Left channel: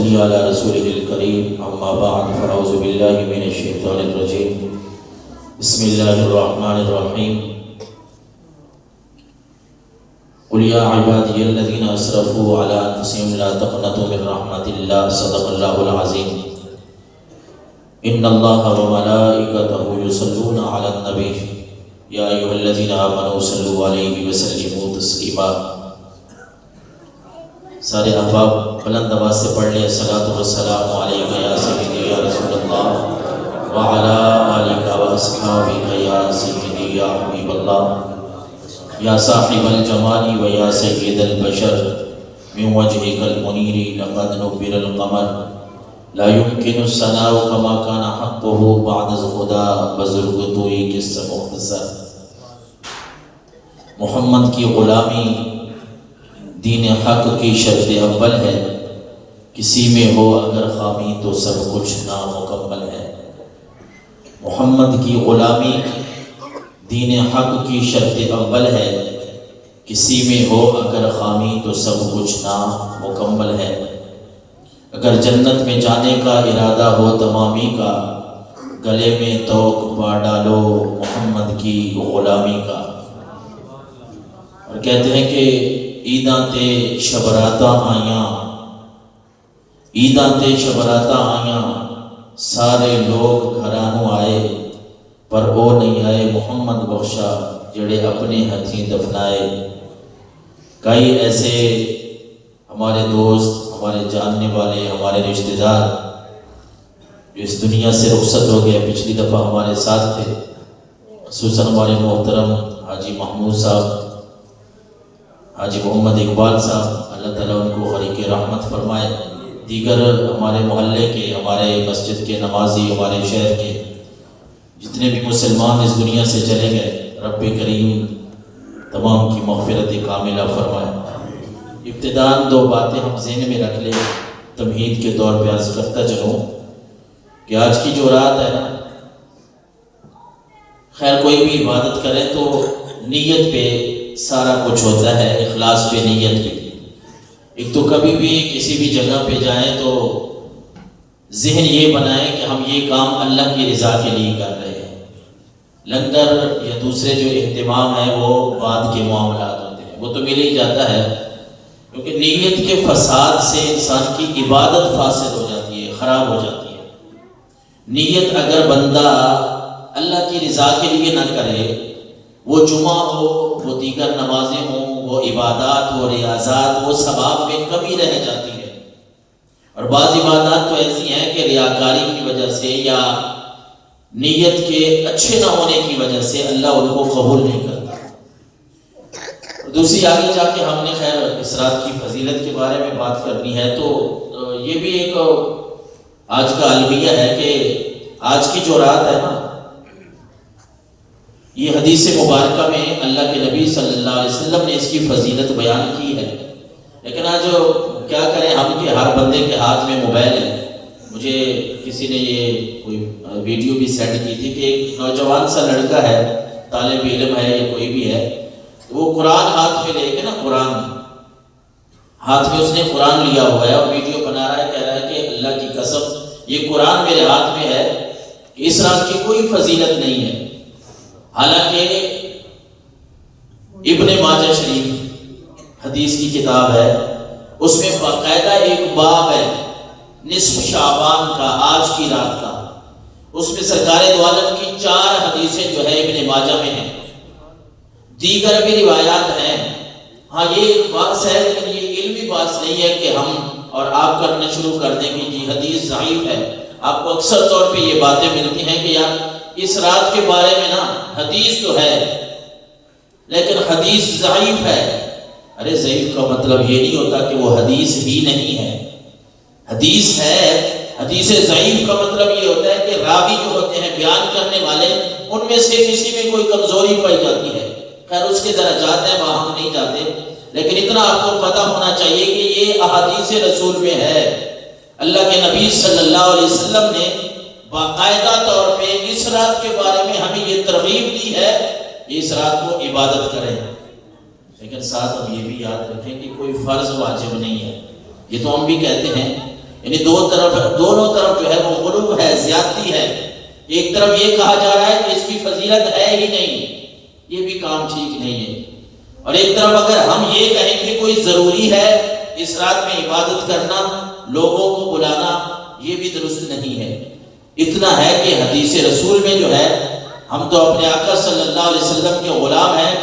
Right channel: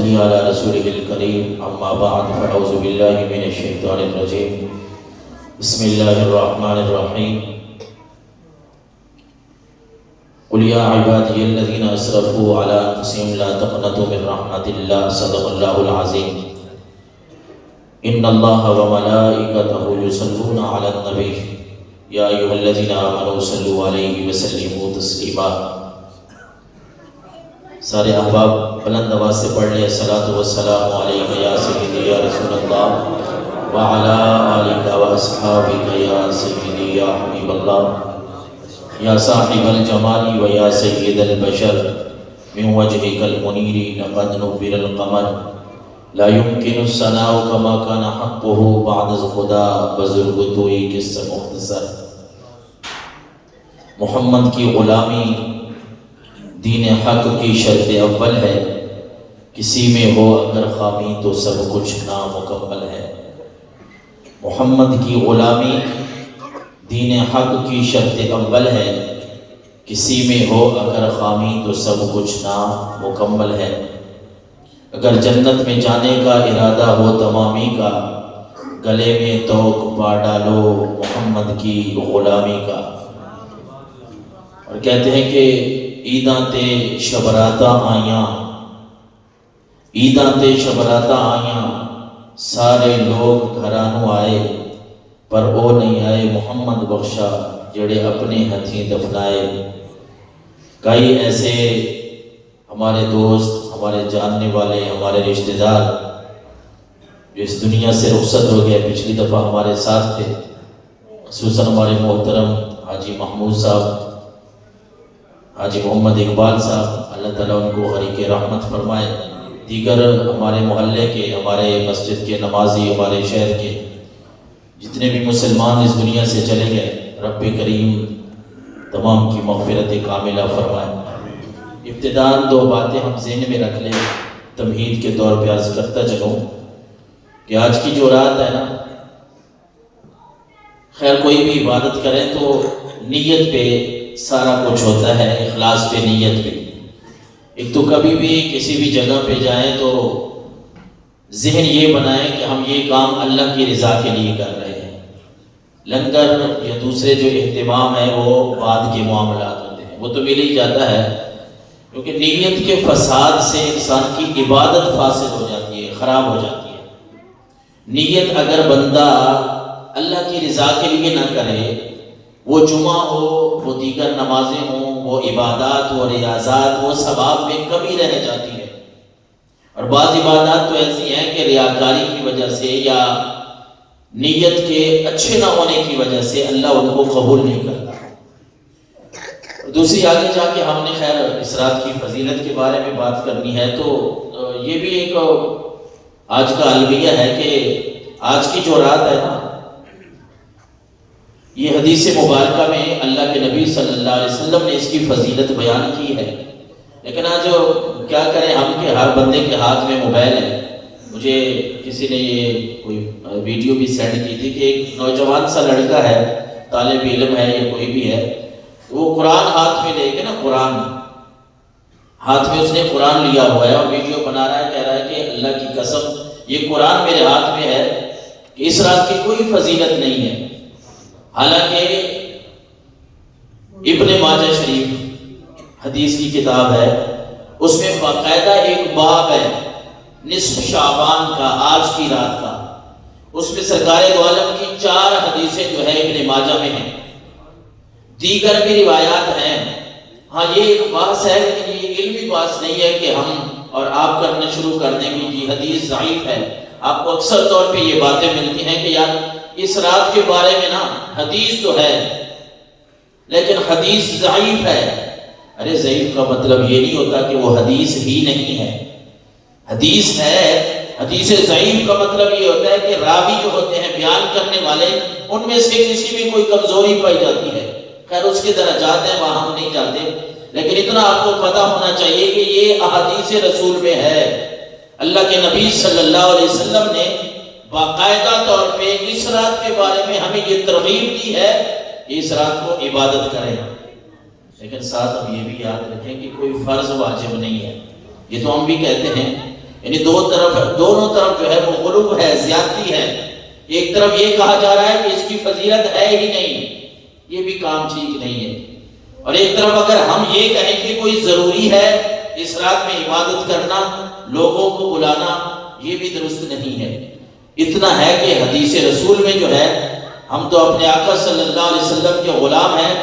صلی علی رسولہ الکریم اما بعد فاعوذ باللہ من الشیطان الرجیم بسم اللہ الرحمن الرحیم قل یا عبادی الذین اسرفوا علی انفسهم لا تقنطوا من رحمت اللہ صدق اللہ العظیم ان اللہ وملائکتہ یصلون علی النبی یا ایھا الذین آمنوا صلوا علیہ وسلموا تسلیما۔ سارے احباب بلند آواز سے پڑھ لیں الصلاۃ والسلام علیک یا سیدی یا رسول اللہ وعلی آلک واصحابک یا سیدی یا حبیب اللہ یا صاحب الجمال و یا سید البشر من وجهک المنیر لقد نبر القمر لا يمكن الثناء كما كان حقه بعد خدا بزرگ تو ایک قصہ مختصر۔ محمد کی غلامی دین حق کی شرط اول ہے، کسی میں ہو اگر خامی تو سب کچھ نامکمل ہے۔ محمد کی غلامی دین حق کی شرط اول ہے، کسی میں ہو اگر خامی تو سب کچھ نامکمل ہے۔ اگر جنت میں جانے کا ارادہ ہو تمامی کا، گلے میں توق پا ڈالو محمد کی غلامی کا۔ اور کہتے ہیں کہ عیداں تے شبراتاں آیاں، عیداں تے شبراتاں آیاں، سارے لوگ گھرانوں آئے پر او نہیں آئے محمد بخشا جڑے اپنے ہتھیں دفنائے۔ کئی ایسے ہمارے دوست، ہمارے جاننے والے، ہمارے رشتہ دار جو اس دنیا سے رخصت ہو گئے، پچھلی دفعہ ہمارے ساتھ تھے، خصوصاً ہمارے محترم حاجی محمود صاحب، حاجی محمد اقبال صاحب، اللہ تعالیٰ ان کو غریق رحمت فرمائے۔ دیگر ہمارے محلے کے، ہمارے مسجد کے نمازی، ہمارے شہر کے جتنے بھی مسلمان اس دنیا سے چلے گئے، رب کریم تمام کی مغفرت کاملہ فرمائے۔ ابتداءً دو باتیں ہم ذہن میں رکھ لیں، تمہید کے طور پہ عرض کرتا چلوں کہ آج کی جو رات ہے نا، خیر کوئی بھی عبادت کرے تو نیت پہ سارا کچھ ہوتا ہے، اخلاص پہ، نیت پہ۔ ایک تو کبھی بھی کسی بھی جگہ پہ جائیں تو ذہن یہ بنائیں کہ ہم یہ کام اللہ کی رضا کے لیے کر رہے ہیں۔ لنگر یا دوسرے جو اہتمام ہے وہ بعد کے معاملات ہوتے ہیں، وہ تو مل ہی جاتا ہے، کیونکہ نیت کے فساد سے انسان کی عبادت فاسد ہو جاتی ہے، خراب ہو جاتی ہے۔ نیت اگر بندہ اللہ کی رضا کے لیے نہ کرے، وہ جمعہ ہو، وہ دیگر نمازیں ہوں، وہ عبادات و ریاضات، وہ ثواب میں کمی رہ جاتی ہے۔ اور بعض عبادات تو ایسی ہیں کہ ریاکاری کی وجہ سے یا نیت کے اچھے نہ ہونے کی وجہ سے اللہ ان کو قبول نہیں کرتا۔ دوسری آگے جا کے ہم نے خیر اس رات کی فضیلت کے بارے میں بات کرنی ہے، تو یہ بھی ایک آج کا المیہ ہے کہ آج کی جو رات ہے نا، یہ حدیث مبارکہ میں اللہ کے نبی صلی اللہ علیہ وسلم نے اس کی فضیلت بیان کی ہے، لیکن آج کیا کریں ہم کہ ہر بندے کے ہاتھ میں موبائل ہے۔ مجھے کسی نے یہ کوئی ویڈیو بھی سینڈ کی تھی کہ ایک نوجوان سا لڑکا ہے، طالب علم ہے یا کوئی بھی ہے، وہ قرآن ہاتھ میں لے کے نا، قرآن ہاتھ میں اس نے قرآن لیا ہوا ہے اور ویڈیو بنا رہا ہے، کہہ رہا ہے کہ اللہ کی قسم یہ قرآن میرے ہاتھ میں ہے، اس رات کی کوئی فضیلت نہیں ہے۔ حالانکہ ابن ماجہ شریف حدیث کی کتاب ہے، اس میں باقاعدہ ایک باب ہے نصف شعبان کا، آج کی رات کا، اس میں سرکار دو عالم کی 4 حدیثیں جو ہے ابن ماجہ میں ہیں، دیگر بھی روایات ہیں۔ ہاں یہ ایک بات ہے، لیکن یہ علمی بات نہیں ہے کہ ہم اور آپ کرنے شروع کر دیں گے جی حدیث ضعیف ہے۔ آپ کو اکثر طور پہ یہ باتیں ملتی ہیں کہ یار اس رات کے بارے میں نا حدیث تو ہے لیکن حدیث ضعیف ہے۔ ارے ضعیف کا مطلب یہ نہیں ہوتا کہ وہ حدیث ہی نہیں ہے، حدیث ہے۔ حدیث ضعیف کا مطلب یہ ہوتا ہے کہ راوی جو ہوتے ہیں، بیان کرنے والے، ان میں سے کسی میں کوئی کمزوری پائی جاتی ہے۔ خیر اس کے درجات ہیں، وہاں ہم نہیں جاتے، لیکن اتنا آپ کو پتہ ہونا چاہیے کہ یہ احادیث رسول میں ہے۔ اللہ کے نبی صلی اللہ علیہ وسلم نے باقاعدہ طور پہ اس رات کے بارے میں ہمیں یہ ترغیب دی ہے کہ اس رات کو عبادت کریں، لیکن ساتھ ہم یہ بھی یاد رکھیں کہ کوئی فرض واجب نہیں ہے۔ یہ تو ہم بھی کہتے ہیں یعنی دونوں طرف جو ہے وہ غلو ہے، زیادتی ہے۔ ایک طرف یہ کہا جا رہا ہے کہ اس کی فضیلت ہے ہی نہیں، یہ بھی کام ٹھیک نہیں ہے، اور ایک طرف اگر ہم یہ کہیں کہ کوئی ضروری ہے اس رات میں عبادت کرنا، لوگوں کو بلانا، یہ بھی درست نہیں ہے۔ اتنا ہے کہ حدیث رسول میں جو ہے، ہم تو اپنے آقا صلی اللہ علیہ وسلم کے غلام ہیں،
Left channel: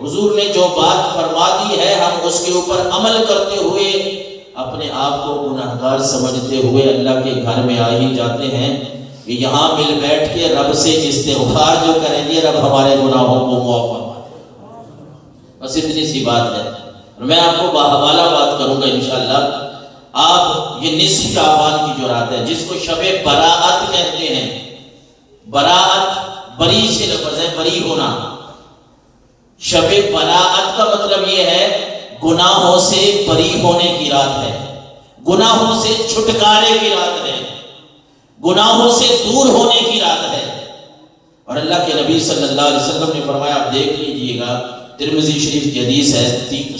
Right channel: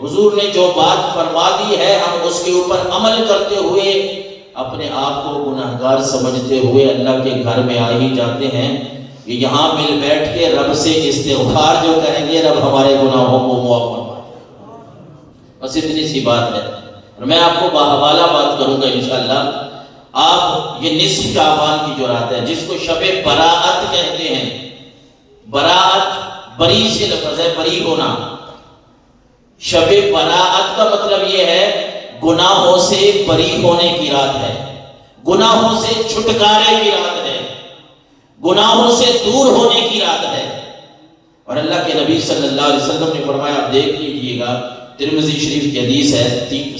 حضور نے جو بات فرما دی ہے ہم اس کے اوپر عمل کرتے ہوئے اپنے آپ کو گناہگار سمجھتے ہوئے اللہ کے گھر میں آ ہی جاتے ہیں کہ یہاں مل بیٹھ کے رب سے استغفار جو کریں گے، رب ہمارے گناہوں کو معاف فرمائے۔ بس اتنی سی بات ہے، اور میں آپ کو باحوالہ بات کروں گا انشاءاللہ۔ آپ یہ نصف شعبان کی جو رات ہے جس کو شب براءت کہتے ہیں، براءت بری سے لفظ ہے، بری ہونا۔ شب براءت کا مطلب یہ ہے گناہوں سے بری ہونے کی رات ہے، گناہوں سے چھٹکارے کی رات ہے، گناہوں سے دور ہونے کی رات ہے۔ اور اللہ کے نبی صلی اللہ علیہ وسلم نے فرمایا، آپ دیکھ لیجئے گا، ترمذی شریف کی حدیث ہے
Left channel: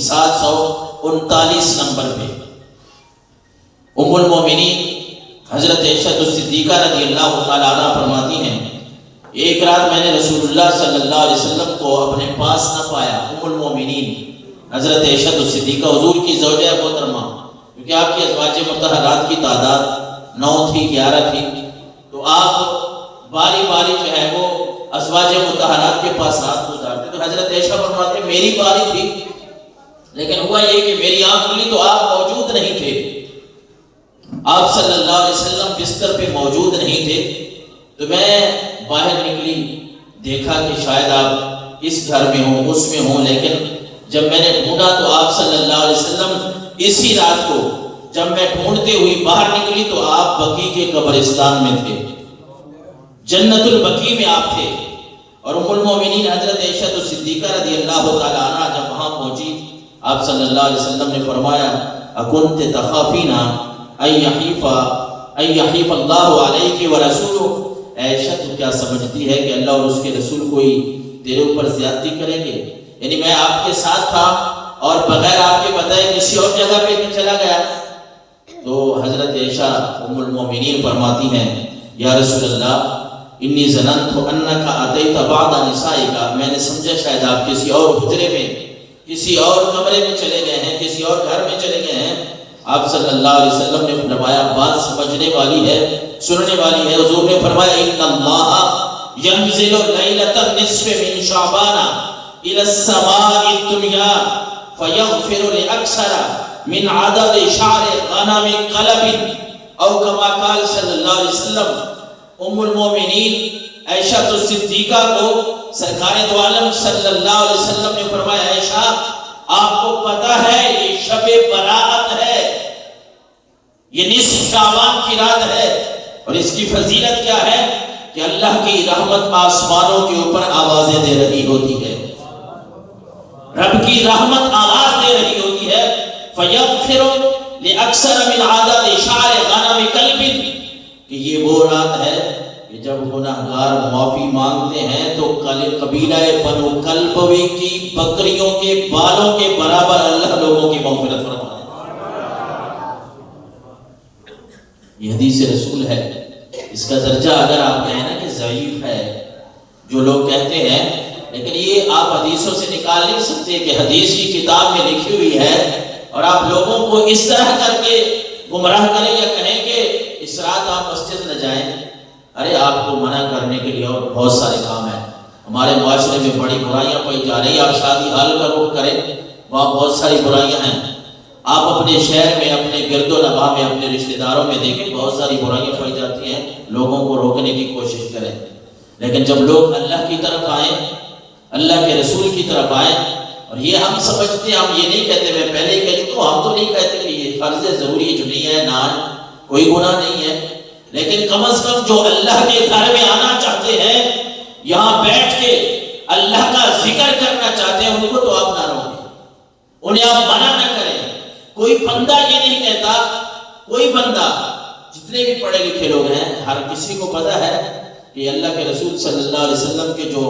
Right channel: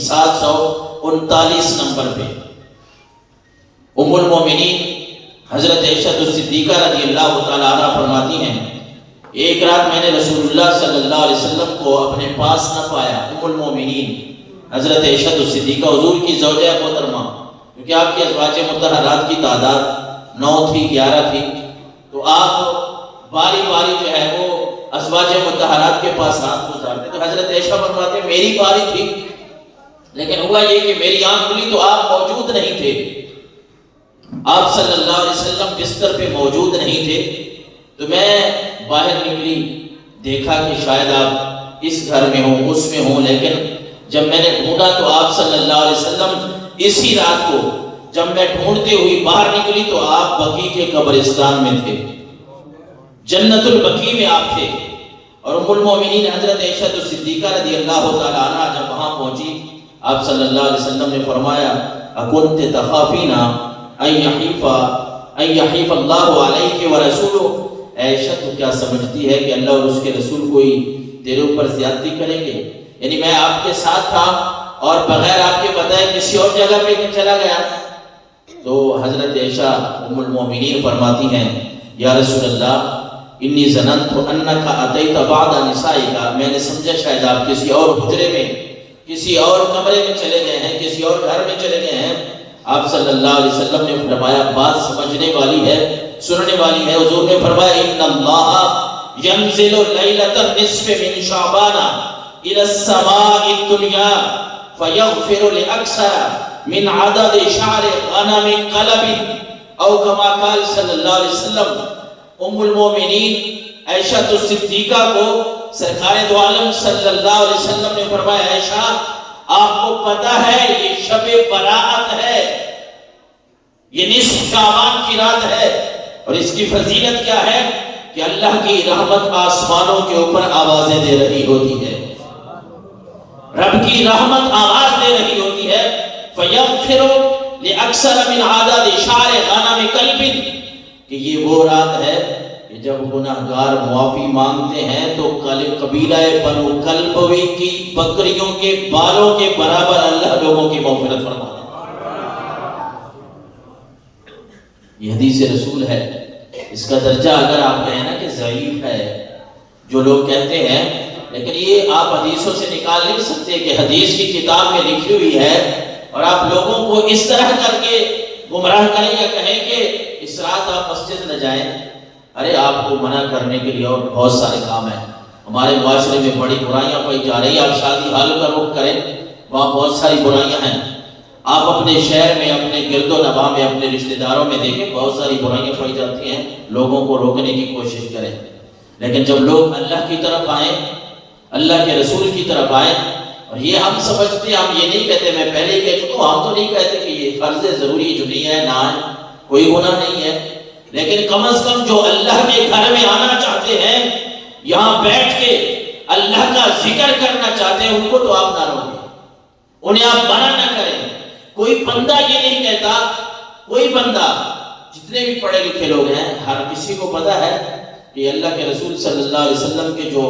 739 نمبر پہ، ام المومنین حضرت عائشہ الصدیقہ رضی اللہ تعالیٰ عنہ فرماتی ہیں، ایک رات میں نے رسول اللہ صلی اللہ علیہ وسلم کو اپنے پاس نہ پایا۔ ام المومنین حضرت عائشہ الصدیقہ حضور کی زوجہ محترمہ، کیونکہ آپ کی ازواج مطہرات کی تعداد 9 تھی، 11 تھی، تو آپ باری باری جو ہے وہ ازواج مطہرات کے پاس رات گزارتے۔ تو حضرت عائشہ فرماتے ہیں میری باری تھی، لیکن ہوا یہ کہ میری آنکھ کھلی تو آپ موجود نہیں تھے، آپ صلی اللہ علیہ وسلم بستر پہ موجود نہیں تھے۔ تو میں باہر نکلی، دیکھا کہ شاید آپ اس گھر میں ہوں، اس میں ہوں، لیکن جب میں نے ڈھونڈا تو آپ صلی اللہ علیہ وسلم اسی رات کو جب میں ڈھونڈتے ہوئی باہر نکلی تو آپ بقیع کے قبرستان میں تھے، جنت البقیع میں آپ تھے۔ اور ام المومنین حضرت عائشہ الصدیقہ رضی اللہ تعالیٰ عنہ جب وہاں پہنچی، آپ صلی اللہ علیہ وسلم نے فرمایا، اکنت تخافین ان یحیف اللہ علیک ورسولہ، عائشہ تو کیا سمجھتی ہے کہ اللہ اور اس کے رسول کوئی تیرے اوپر زیادتی کریں گے؟ یعنی میں آپ کے ساتھ تھا اور بغیر آپ کے بتائے کسی اور جگہ پہ چلا گیا۔ تو حضرت عائشہ ام المومنین فرماتی ہیں، یا رسول اللہ انی ظننت انک اتیت بعد نسائک، میں نے سمجھا شاید آپ کسی اور حجرے میں، کسی اور کمرے میں چلے گئے ہیں، کسی اور گھر میں چلے گئے ہیں۔ آپ صلی اللہ علیہ وسلم نے فرمایا، بات سمجھنے والی ہے، سننے والی ہے۔ حضور نے فرمایا، ان اللہ ینزل لیلۃ النصف من شعبان الى السماء الدنیا فیغفر لاکثر من عدد شعر غنم قلب، او کما قال صلی اللہ علیہ وسلم۔ ام المومنین عائشہ الصدیقہ کو سرکار دو عالم صلی اللہ علیہ وسلم نے فرمایا، عائشہ آپ کو پتا ہے یہ شب براءت ہے، یہ نصف شعبان کی رات ہے، اور اس کی فضیلت کیا ہے کہ اللہ کی رحمت آسمانوں کے اوپر آوازیں دے رہی ہوتی ہے، رب کی رحمت آواز دے رہی ہوتی ہے، فیغفر لاکثر من عدد شعر غنم قلب، کہ یہ وہ رات ہے کہ جب گناہگار معافی مانگتے ہیں تو قبیلہ بنو کلبوی کی بکریوں کے بالوں کے برابر اللہ لوگوں کی مغفرت فرماتا ہے۔ یہ حدیث رسول ہے، اس کا درجہ اگر آپ کہیں نا کہ ضعیف ہے، جو لوگ کہتے ہیں، لیکن یہ آپ حدیثوں سے نکال نہیں سکتے کہ حدیث کی کتاب میں لکھی ہوئی ہے، اور آپ لوگوں کو اس طرح کر کے گمراہ کریں یا کہیں کہ اس رات آپ مسجد نہ جائیں۔ ارے آپ کو منع کرنے کے لیے اور بہت سارے کام ہیں، ہمارے معاشرے میں بڑی برائیاں پائی جا رہی ہیں، آپ شادی حال کا رخ کریں، وہاں بہت ساری برائیاں ہیں، آپ اپنے شہر میں، اپنے گرد و نواح میں، اپنے رشتہ داروں میں دیکھیں بہت ساری برائیاں پائی جاتی ہیں، لوگوں کو روکنے کی کوشش کریں، لیکن جب لوگ اللہ کی طرف آئیں، اللہ کے رسول کی طرف آئیں، اور یہ ہم سمجھتے ہیں، ہم یہ نہیں کہتے، میں پہلے ہی کہہ چکا ہوں، ہم تو نہیں کہتے کہ یہ فرض ضروری جو نہیں ہے نہ آئے، کوئی گناہ نہیں ہے، لیکن کم از کم جو اللہ کے گھر میں آنا چاہتے ہیں، یہاں بیٹھ کے اللہ کا ذکر کرنا چاہتے ہیں، ان کو تو آپ نہ روکیں، انہیں آپ منع نہ کریں۔ کوئی بندہ یہ نہیں کہتا، کوئی بندہ، جتنے بھی پڑھے لکھے لوگ ہیں، ہر کسی کو پتا ہے کہ اللہ کے رسول صلی اللہ علیہ وسلم کے جو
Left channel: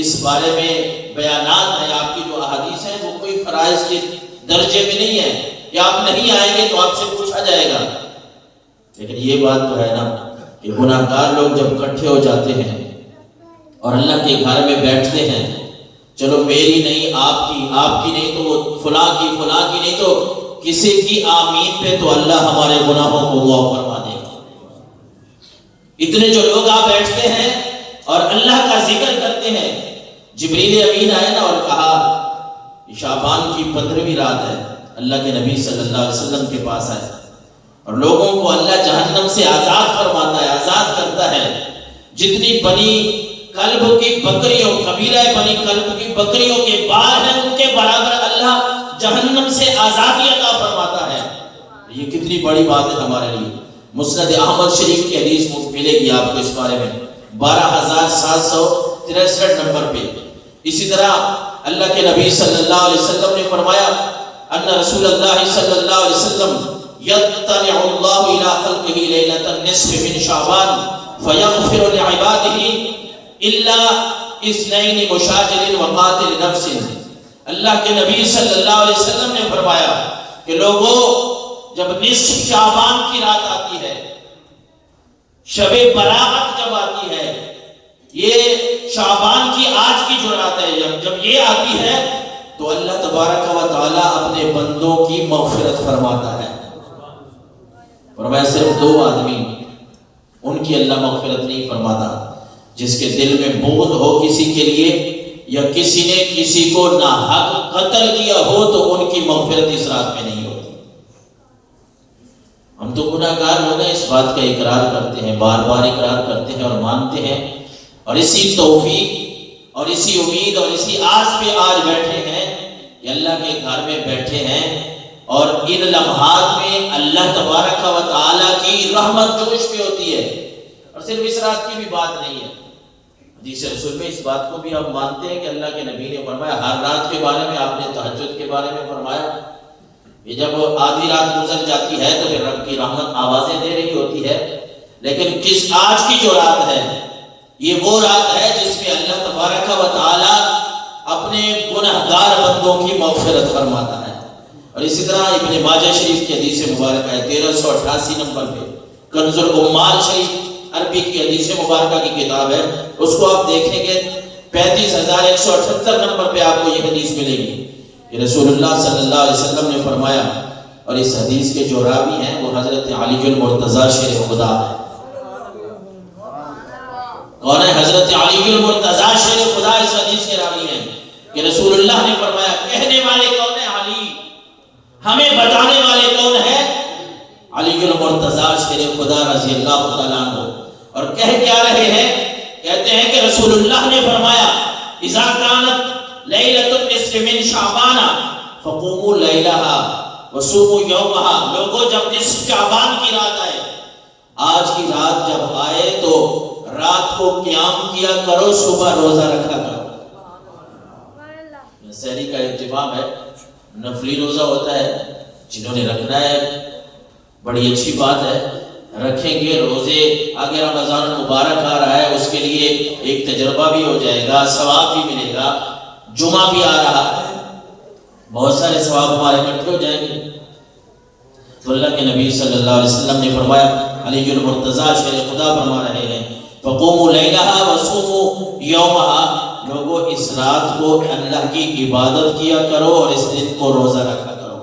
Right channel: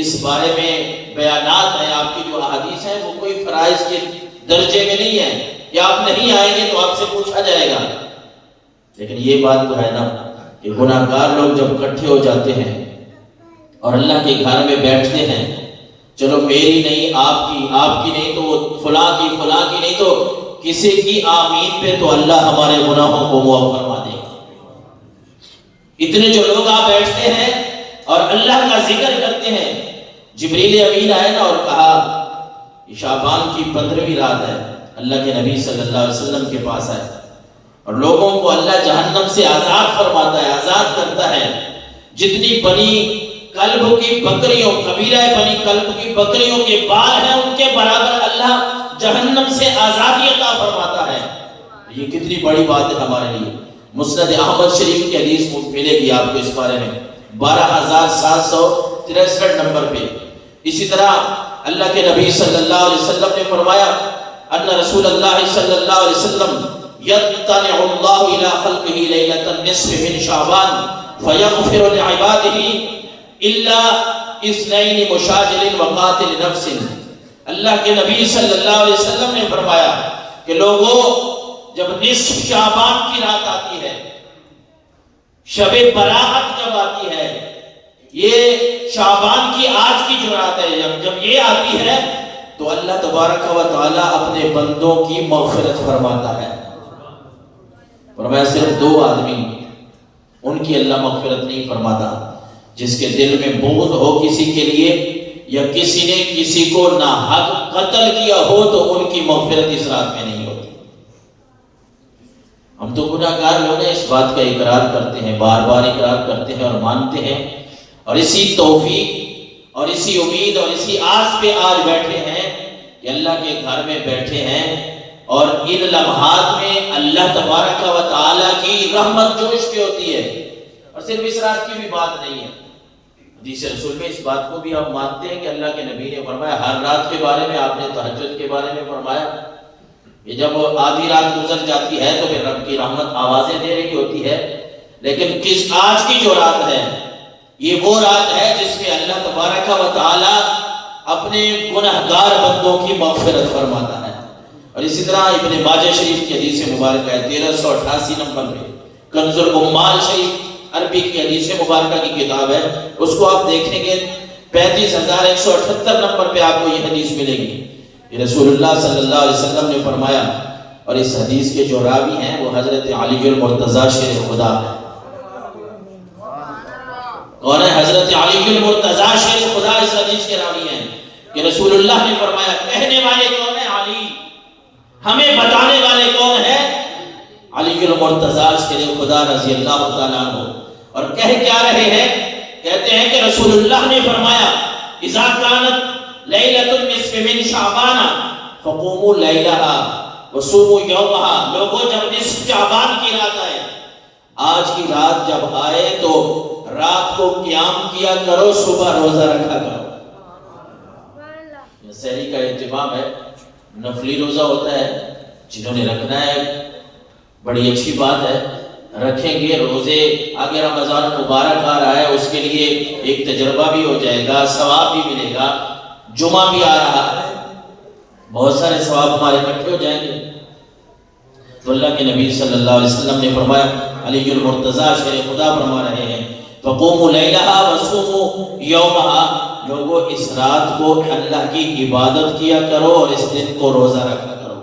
اس بارے میں بیانات ہیں، آپ کی جو احادیث ہیں، وہ کوئی فرائض کے درجے میں نہیں ہے، یا آپ نہیں آئیں گے تو آپ سے پوچھا جائے گا لیکن یہ بات تو ہے نا کہ گناہ گار لوگ جب اکٹھے ہو جاتے ہیں اور اللہ کے گھر میں بیٹھتے ہیں، چلو میری نہیں آپ کی نہیں تو فلاں کی نہیں تو کسی کی آمین پہ تو اللہ ہمارے گناہوں کو معاف فرما دے گا۔ اتنے جو لوگ آپ بیٹھتے ہیں اور اللہ کا ذکر کرتے ہیں، جبریل امین آئے نا اور کہا شعبان کی 15ویں رات ہے، اللہ کے نبی صلی اللہ علیہ وسلم کے پاس آئے اور لوگوں کو اللہ جہنم سے آزاد فرماتا ہے، آزاد کرتا ہے۔ جتنی بنی کلب کی بکریوں، قبیلہ بنی کلب کی بکریوں کے بال ہیں، ان کے برابر اللہ جہنم سے آزادی عطا فرماتا ہے۔ یہ کتنی بڑی بات ہے ہمارے لیے۔ مسند احمد شریف کی حدیث ملے گی آپ کو اس بارے میں 12763 نمبر پہ۔ اسی طرح اللہ کے نبی صلی اللہ علیہ وسلم نے فرمایا ان رسول اللہ صلی اللہ علیہ وسلم یطلع اللہ الی خلقہ لیلۃ النصف من شعبان فیغفر لعبادہ الا اثنین مشاجر وقاتل نفس۔ اللہ کے نبی صلی اللہ علیہ وسلم نے فرمایا کہ لوگوں جب نصف شعبان کی رات آتی ہے، شب برات جب آتی ہے، یہ شعبان کی آج کی جو رات ہے، جب یہ آتی ہے تو اللہ تبارک و تعالی اپنے بندوں کی مغفرت فرماتا ہے۔ فرمایا صرف 2 آدمی ان کی اللہ مغفرت نہیں فرماتا، جس کے دل میں بغض ہو کسی کے لیے یا کسی نے کسی کو ناحق قتل کیا ہو تو ان کی مغفرت اس رات میں نہیں ہوتی۔ ہم تو گناہ گار لوگ ہیں، اس بات کا اقرار کرتے ہیں، بار بار اقرار کرتے ہیں اور مانتے ہیں، اور اسی توفیق اور اسی امید اور اسی آس پہ آج بیٹھے ہیں کہ اللہ کے گھر میں بیٹھے ہیں اور ان لمحات میں اللہ تبارک و تعالیٰ کی رحمت جوش پہ ہوتی ہے۔ اور صرف اس رات کی بھی بات نہیں ہے، حدیث رسول میں اس بات کو بھی آپ مانتے ہیں کہ اللہ کے نبی نے فرمایا، ہر رات کے بارے میں آپ نے تہجد کے بارے میں فرمایا کہ جب آدھی رات گزر جاتی ہے تو پھر رب کی رحمت آوازیں دے رہی ہوتی ہے، لیکن آج کی جو رات ہے یہ وہ رات ہے جس میں اللہ تبارک و تعالی اپنے گنہگار بندوں کی مغفرت فرماتا ہے۔ اور اسی طرح ابن ماجہ شریف کی حدیث مبارکہ ہے 1388 نمبر پہ، کنز الامال شریف عربی کی حدیث مبارکہ کی کتاب ہے، اس کو آپ دیکھیں گے 35178 نمبر پہ آپ کو یہ حدیث ملے گی کہ رسول اللہ صلی اللہ علیہ وسلم نے فرمایا، اور اس حدیث کے جو راوی ہیں وہ حضرت علی المرتضیٰ شیر خدا ہے۔ کون ہے؟ حضرت علی المرتضیٰ شیر خدا اس حدیث کے راوی ہیں کہ رسول اللہ نے فرمایا، کہنے والے کون ہیں؟ علی۔ ہمیں بتانے والے کون ہیں؟ علی المرتضیٰ شیر خدا رضی اللہ تعالیٰ عنہ۔ اور کہہ کیا رہے ہیں؟ کہتے ہیں کہ رسول اللہ نے فرمایا، اذا کانت لیلۃ النصف من شعبان فقوموا لیلہا وصوموا یومہا۔ لوگوں جب نصف شعبان کی رات آئے، آج کی رات جب آئے تو رات کو قیام کیا کرو، صبح روزہ رکھا کرو۔ سحری کا اہتمام ہے، نفلی روزہ ہوتا ہے، جنہوں نے رکھنا ہے بڑی اچھی بات ہے، رکھیں گے روزے۔ آگے رمضان مبارک آ رہا ہے، اس کے لیے ایک تجربہ بھی ہو جائے گا، ثواب بھی ملے گا۔ جمعہ بھی آ رہا ہے، بہت سارے ثواب ہمارے اکٹھے ہو جائیں گے۔ تو اللہ کے نبی صلی اللہ علیہ وسلم نے فرمایا، علی المرتضیٰ شیر خدا فرما رہے ہیں، فقوموا لیلہا وصوموا یومہا۔ لوگوں اس رات کو اللہ کی عبادت کیا کرو اور اس دن کو روزہ رکھا کرو۔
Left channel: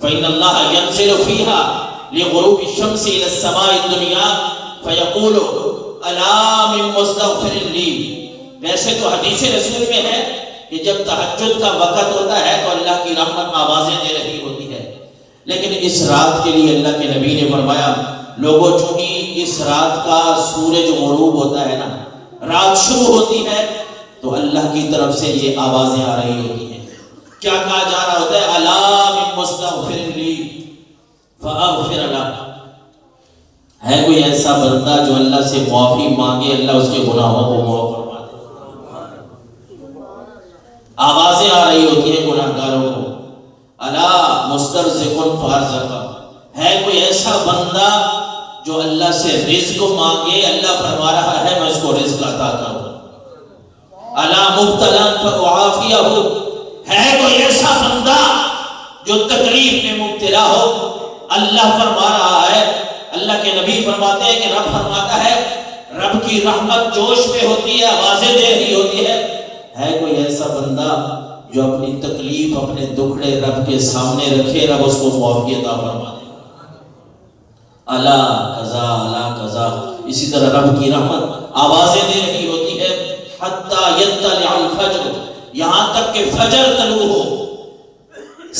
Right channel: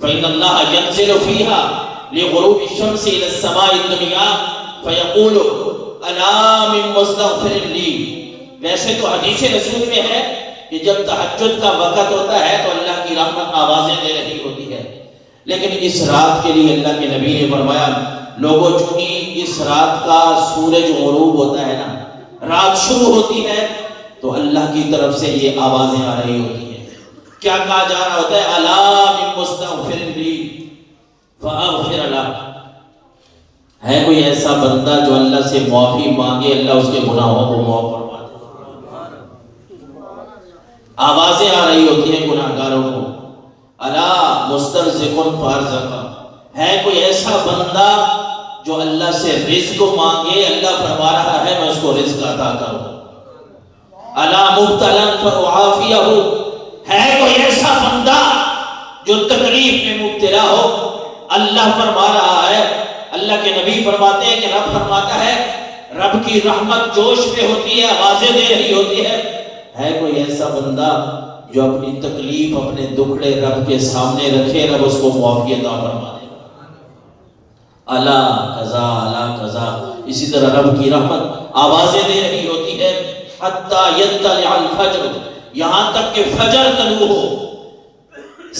فإن اللہ ينزل فيها لغروب الشمس إلى السماء الدنيا فيقول ألا من مستغفر لي۔ ویسے تو حدیث رسول میں ہے کہ جب تہجد کا وقت ہوتا ہے تو اللہ کی رحمت آوازیں دے رہی ہوتی ہے، لیکن اس رات کے لیے اللہ کے نبی نے فرمایا، لوگوں جو ہی اس رات کا سورج غروب ہوتا ہے نا، رات شروع ہوتی ہے تو اللہ کی طرف سے یہ آوازیں آ رہی ہوتی ہیں۔ کیا کہا جا رہا ہوتا ہے؟ الا من مستغفر لی فاغفر لہ۔ ہے کوئی ایسا بندہ جو اللہ سے معافی مانگے، اللہ اس کے گناہوں کو معاف فرما دے۔ آوازیں آ رہی ہوتی ہیں گناہگاروں کو، الا مسترزق فارزقہ۔ ہے کوئی ایسا بندہ جو اللہ سے رزق مانگے، اللہ فرما رہا ہے میں اس کو رزق عطا کروں۔ الا مبتلا فاعافیہ۔ ہے کوئی ایسا بندہ جو تکلیف میں مبتلا ہو، اللہ فرما رہا ہے اللہ کے نبی فرماتے ہیں کہ رب فرماتا ہے رب کی رحمت جوش پہ ہوتی ہے، آوازیں دے رہی ہوتی ہے کوئی ایسا بندہ جو اپنی تکلیف اپنے دکھڑے رب کے سامنے رکھے، رب اس کو معافی عطا فرما دے گا۔ الا قضا الا قضا، اسی طرح رب کی رحمت آوازیں دے رہی ہوتی ہے حتی یطلع الفجر، یہاں تک کہ فجر طلوع ہو،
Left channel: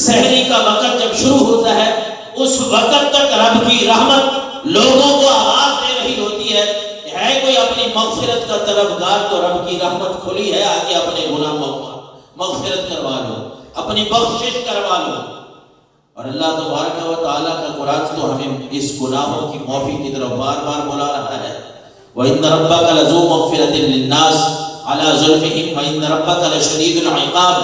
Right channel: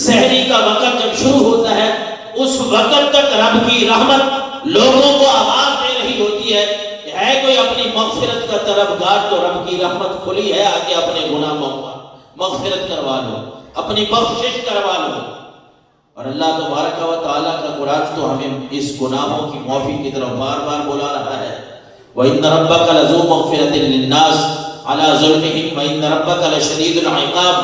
سحری کا وقت جب شروع ہوتا ہے اس وقت تک رب کی رحمت لوگوں کو آواز دے رہی ہوتی ہے کوئی اپنی مغفرت کا طلبگار تو رب کی رحمت کھلی ہے، آگے اپنے گناہ مغفرت کروا لو، اپنی بخشش کروا لو۔ اور اللہ تبارک و تعالیٰ کا قرآن تو ہمیں اس گناہوں کی معافی کی طرف بار بار بلا رہا ہے۔ وَإِنَّ رَبَّكَ لَذُو مَغْفِرَةٍ لِلنَّاسِ عَلَى ظُلْمِهِمْ وَإِنَّ رَبَّكَ لَشَدِيدُ الْعِقَابِ۔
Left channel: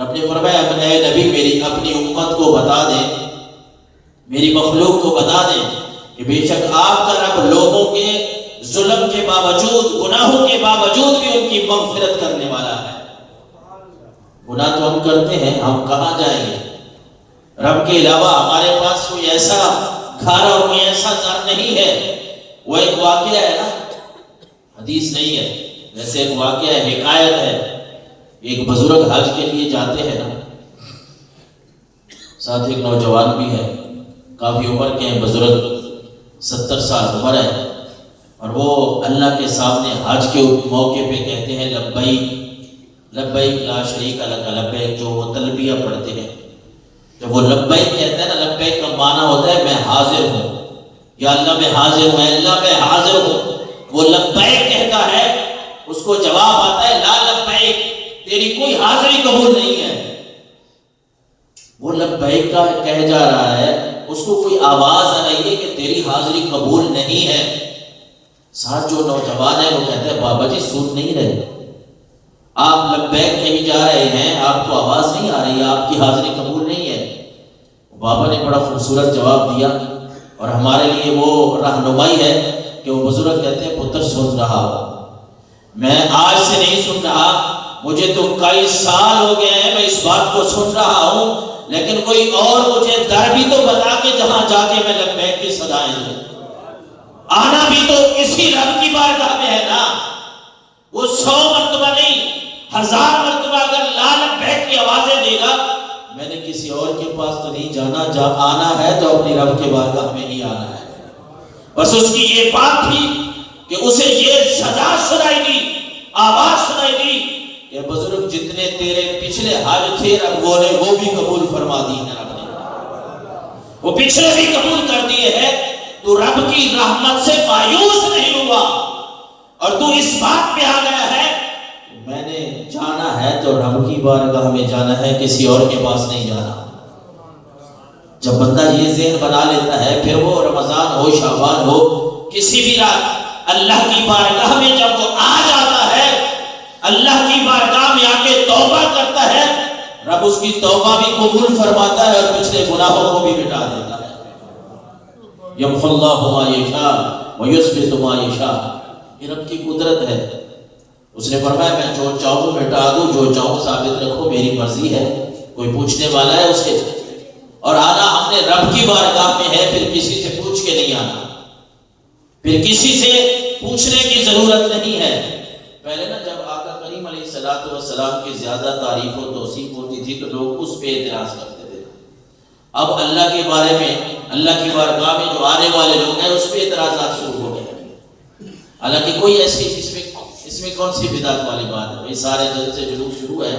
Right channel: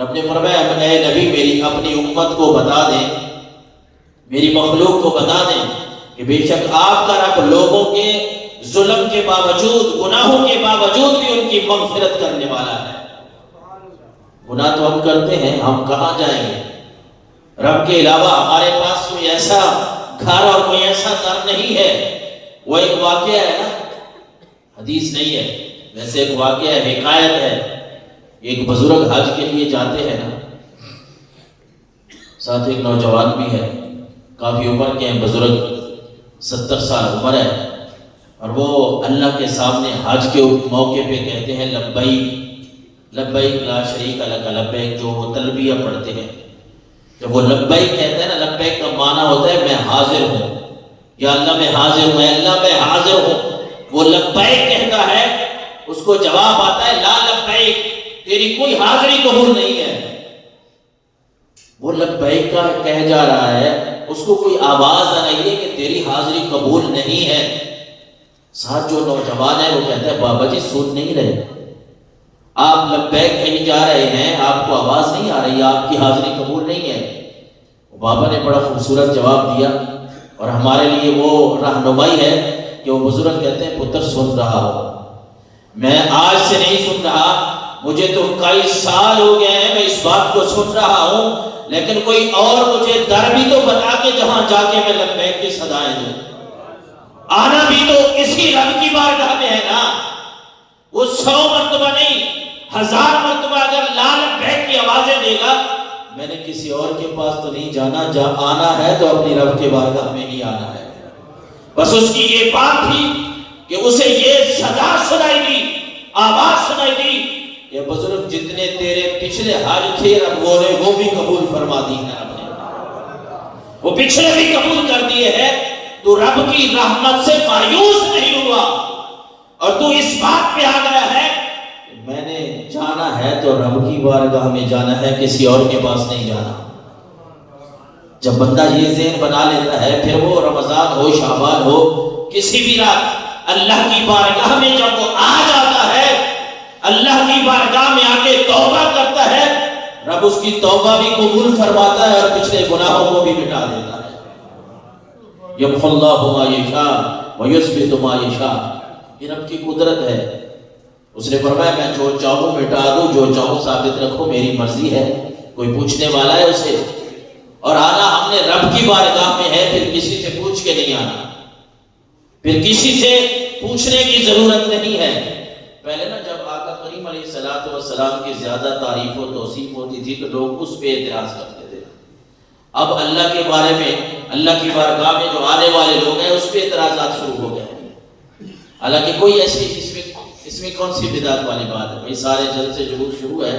رب نے فرمایا اے نبی میری اپنی امت کو بتا دیں، میری مخلوق کو بتا دیں کہ بے شک آپ کا رب لوگوں کے ظلم کے باوجود، گناہوں کے باوجود بھی ان کی مغفرت کرنے والا ہے۔ گناہ تو ہم کرتے ہیں، ہم کہاں جائیں گے؟ رب کے علاوہ ہمارے پاس کوئی ایسا گھر اور کوئی ایسا در نہیں ہے۔ وہ ایک واقعہ ہے نا، حدیث نہیں ہے، ویسے ایک واقعہ ہے، حکایت ہے۔ ایک بزرگ حج کے لیے جاتے ہیں نا، ساتھ ایک نوجوان بھی ہے، کافی عمر کے ہیں، بزرگ 70 سال عمر ہے، اور وہ اللہ کے سامنے حج کے موقع پہ کہتے ہیں لبیک لبیک لا شریک لک لبیک، جو وہ تلبیہ پڑھتے ہیں۔ جب وہ لبیک کہتے ہیں نا، لبیک کا معنی ہوتا ہے میں حاضر ہوں، یا اللہ میں حاضر ہوں، اے اللہ میں حاضر ہوں۔ وہ لبیک کہتا ہے، اس کو جواب آتا ہے لا لبیک، تیری کوئی حاضری قبول نہیں ہے۔ وہ لبیک کا کہہ جا رہا ہے، اس کو کوئی آواز آ رہی ہے کہ تیری حاضری قبول نہیں ہے۔ ساتھ جو نوجوان ہے وہ کہتا ہے بابا جی سن نہیں رہے، آپ لبیک کہیں جا رہے ہیں، آپ کو آواز نہیں آ رہی، آپ کی حاضری قبول نہیں ہے۔ بابا نے بڑا خوبصورت جواب دیا، اور ہمارے لیے وہ رہنمائی ہے کہ وہ بزرگ کہتے ہیں پتر سن رہا ہوں، میں آج سے نہیں سن رہا، مجھے تو کئی سال ہو گئے ہیں میں اس بات کو سن رہا ہوں، لیکن کوئی اور مجھے در بھی تو بتا کے جہاں جا کے میں لبیک کی صدائیں دوں۔ آنا بھی تو اسی رب کی بارگاہ میں ہے نا۔ وہ 100 مرتبہ نہیں، 1000 مرتبہ اگر لا لبیک کی آوازیں دے گا، میں نے کسی اور کے پاس تو نہیں جانا، جب آنا ہے تو اپنی رب کے بارگاہ میں ہی آنا ہے۔ بس اس کی یہ بات تھی کہ اسے یہ سزا سنائی دی، آواز سنائی دی کہ بزرگ جتنے تیرے پچھلے حج تھے رب وہ بھی قبول فرما دی ہے، رب نے وہ پچھلے بھی قبول کر دیے ہیں۔ تو رب کی رحمت سے مایوس نہیں ہوا، اور تو اس بات پہ آ گیا ہے کہ میں نے جانا ہے تو رب کی بارگاہ میں جانا ہے، کسی اور کے پاس نہیں جانا۔ جب بندہ یہ ذہن بنا لیتا ہے، پھر وہ رمضان ہو شعبان ہو کسی بھی رات اللہ کی بارگاہ میں جب وہ آ جاتا ہے، اللہ کی بارگاہ میں آ کے توبہ کرتا ہے، رب اس کی توبہ بھی قبول فرماتا ہے اور پچھلے گناہوں کو بھی مٹا دیتا ہے۔ یمحو اللہ ما یشاء ویثبت ما یشاء، یہ رب کی قدرت ہے۔ اس نے فرمایا میں جو چاہوں مٹا دوں، جو چاہوں ثابت رکھوں، میری مرضی ہے، کوئی پوچھنے والا ہے اسے؟ اور آنا ہم نے رب کی بارگاہ میں ہے، پھر کسی سے پوچھ کے نہیں آنا، پھر کسی سے پوچھنے کی ضرورت نہیں ہے۔ پہلے نا جب آقا کریم علیہ السلام کی زیادہ تعریف و توصیف ہوتی تھی تو لوگ اس پہ اعتراض کرتے تھے۔ اب اللہ کے بارے میں، اللہ کی بارگاہ میں جو آنے والے لوگ ہیں اس پہ اعتراضات شروع ہو گئے۔ حالانکہ کوئی ایسی اس میں کون سی بدعت والی بات ہے؟ بھائی سارے جلسے جلوس شروع ہے،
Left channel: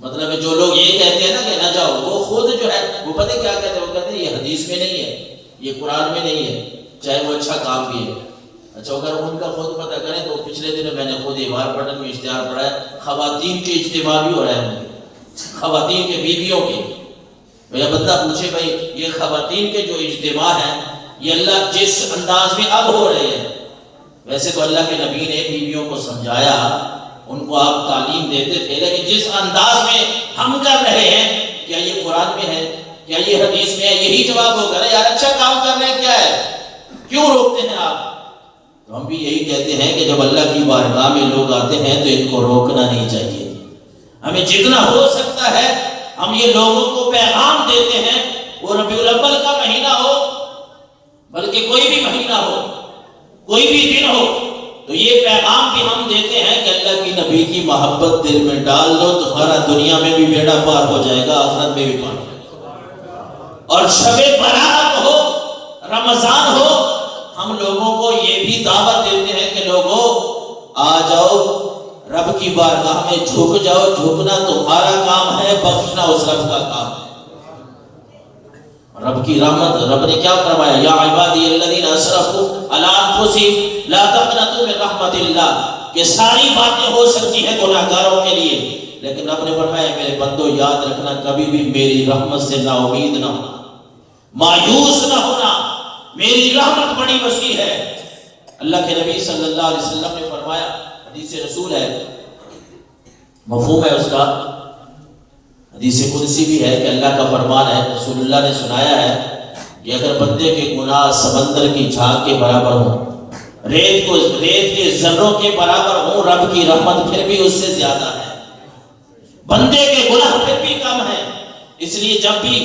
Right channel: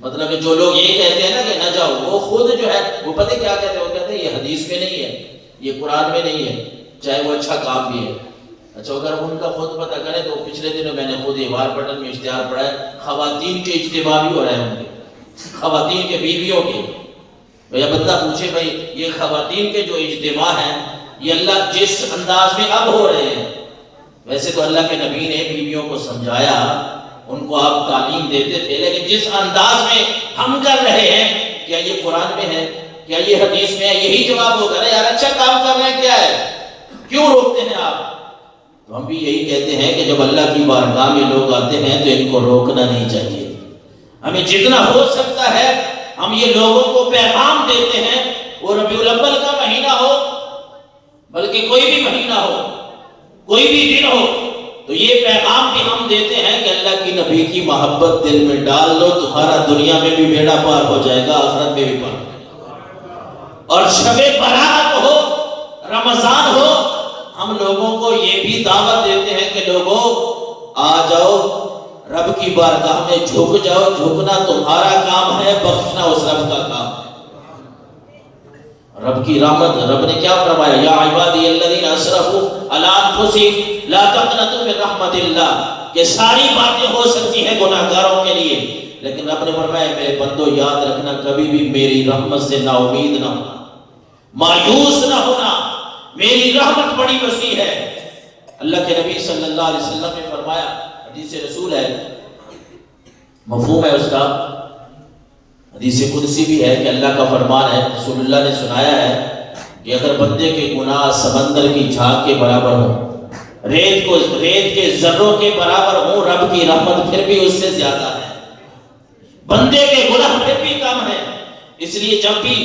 مطلب ہے جو لوگ یہ کہتے ہیں نا کہ نہ جاؤ، وہ خود جو ہے وہ پتہ کیا کہتے ہیں؟ وہ کہتے ہیں یہ حدیث میں نہیں ہے، یہ قرآن میں نہیں ہے، چاہے وہ اچھا کام بھی ہے۔ اچھا اگر ان کا خود پتہ کریں تو پچھلے دنوں میں نے خود ایوار پٹن میں اشتہار پڑھا ہے، خواتین کے اجتماع بھی ہو رہے ہیں، ان کے خواتین کے بیویوں کے۔ بھئی بندہ پوچھے بھائی یہ خواتین کے جو اجتماع ہیں یہ اللہ جس انداز میں اب ہو رہے ہیں، ویسے تو اللہ کے نبی نے بیویوں کو سمجھایا، ان کو آپ تعلیم دیتے تھے، لیکن جس انداز میں ہم کر رہے ہیں، کیا یہ قرآن میں ہے؟ کیا یہ حدیث میں ہے؟ یہی جواب ہوگا نا یار، اچھا کام کر رہے ہیں، کیا ہے، کیوں روکتے ہیں آپ؟ تو ہم بھی یہی کہتے ہیں کہ جب اللہ کی بارگاہ میں لوگ آتے ہیں تو ان کو روکنا نہیں چاہیے۔ ہمیں جتنا ہو سکتا ہے ہم یہ لوگوں کو پیغام دیتے ہیں، وہ ربیع الاول کا مہینہ ہو، بلکہ کوئی بھی مہینہ ہو، کوئی بھی دن ہو، تو یہ پیغام بھی ہم دیتے ہیں کہ اللہ کی نبی کی محبت دل میں ڈال لو، تمہارا دنیا میں بھی بیڑا پار ہو جائے گا، آخرت میں بھی پار ہو جائے گا۔ اور شب برات ہو، رمضان ہو، ہم لوگوں کو یہ بھی دعوت دیتے ہیں کہ لوگوں آ جاؤ، رب کی بارگاہ میں جھک جاؤ، جھکنا تمہارا کام ہے، بخشنا اس رب کا کام ہے۔ رب کی رحمت، رب نے کیا فرمایا؟ یا عبادی الذین اسرفوا علی انفسہم لا تقنطوا من رحمت اللہ، کہ ساری باتیں ہو سکتی ہیں گناہگاروں کے لیے، لیکن رب نے فرمایا میرے بندو یاد رکھنا کبھی بھی میری رحمت سے نا امید نہ ہونا، مایوس نہ ہونا، میری رحمت بڑی وسیع ہے۔ اللہ کے نبی صلی اللہ علیہ وسلم نے فرمایا، حدیث رسول ہے، مفہوم ہے اس کا، حدیث قدسی بھی ہے کہ اللہ کا فرمان ہے، رسول اللہ نے سنایا ہے کہ اگر بندے کے گناہ سمندر کی جھاگ کے برابر ہوں، ریت کے ذروں کے برابر ہوں، رب کی رحمت پھر بھی اس سے زیادہ ہے، بندے کے گناہ پھر بھی کم ہے۔ اس لیے جب بھی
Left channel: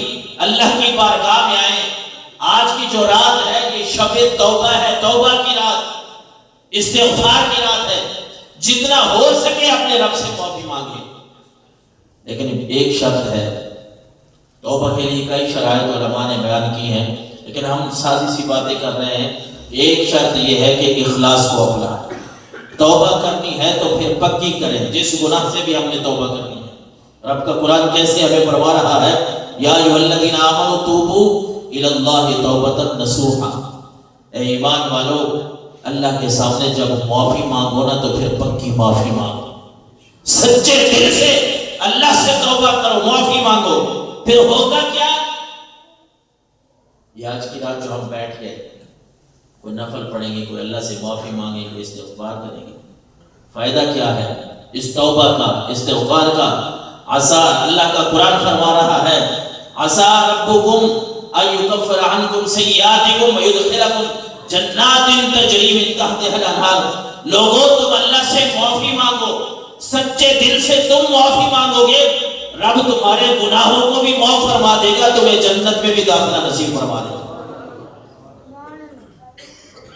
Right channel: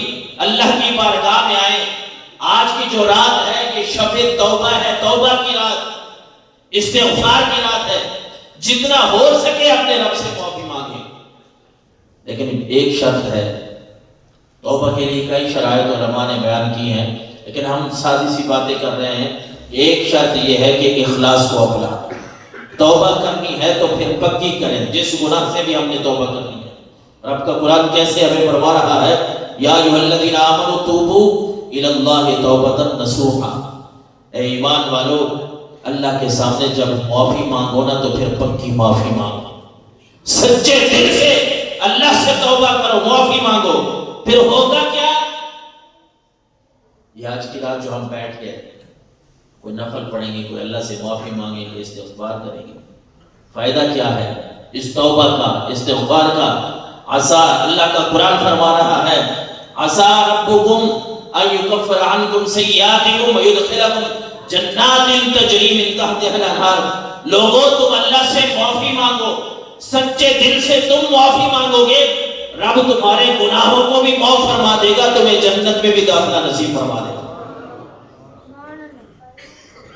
اللہ کی بارگاہ میں آئیں، آج کی جو رات ہے یہ شب توبہ ہے، توبہ کی رات، استغفار کی رات ہے، جتنا ہو سکے اپنے رب سے معافی مانگیں، لیکن ایک شرط ہے، توبہ کے لیے کئی شرائط علماء نے بیان کی ہیں، لیکن ہم سادی سی باتیں کر رہے ہیں۔ ایک شرط یہ ہے کہ اخلاص کو اپنا، توبہ کرنی ہے تو پھر پکی کریں، جس گناہ سے بھی ہم نے توبہ کرنی ہے۔ رب کا قرآن کیسے ہمیں فرما رہا ہے؟ یا ایھا الذین آمنوا توبوا الی اللہ توبۃ نصوحا، اے ایمان والو اللہ کے سامنے جب معافی مانگو نا تو پھر پکی معافی مانگو، سچے دل سے اللہ سے توبہ کرو، معافی مانگو، پھر ہوگا کیا؟ یہ آج کی رات جو ہم بیٹھ گئے، کوئی نفل پڑھیں گے، کوئی اللہ سے معافی مانگیں گے، استغفار کریں گے، فائدہ کیا ہے اس توبہ کا، استغفار کا؟ عسیٰ، اللہ کا قرآن فرما رہا ہے، عسیٰ ربکم ان یکفر عنکم سیئاتکم ویدخلکم جنات تجری من تحتہا الانہار۔ لوگوں تم اللہ سے معافی مانگو، سچے دل سے تم معافی مانگو گے، رب تمہارے گناہوں کو بھی معاف فرما دے گا، تمہیں جنت میں بھی داخلہ نصیب فرما دے گا۔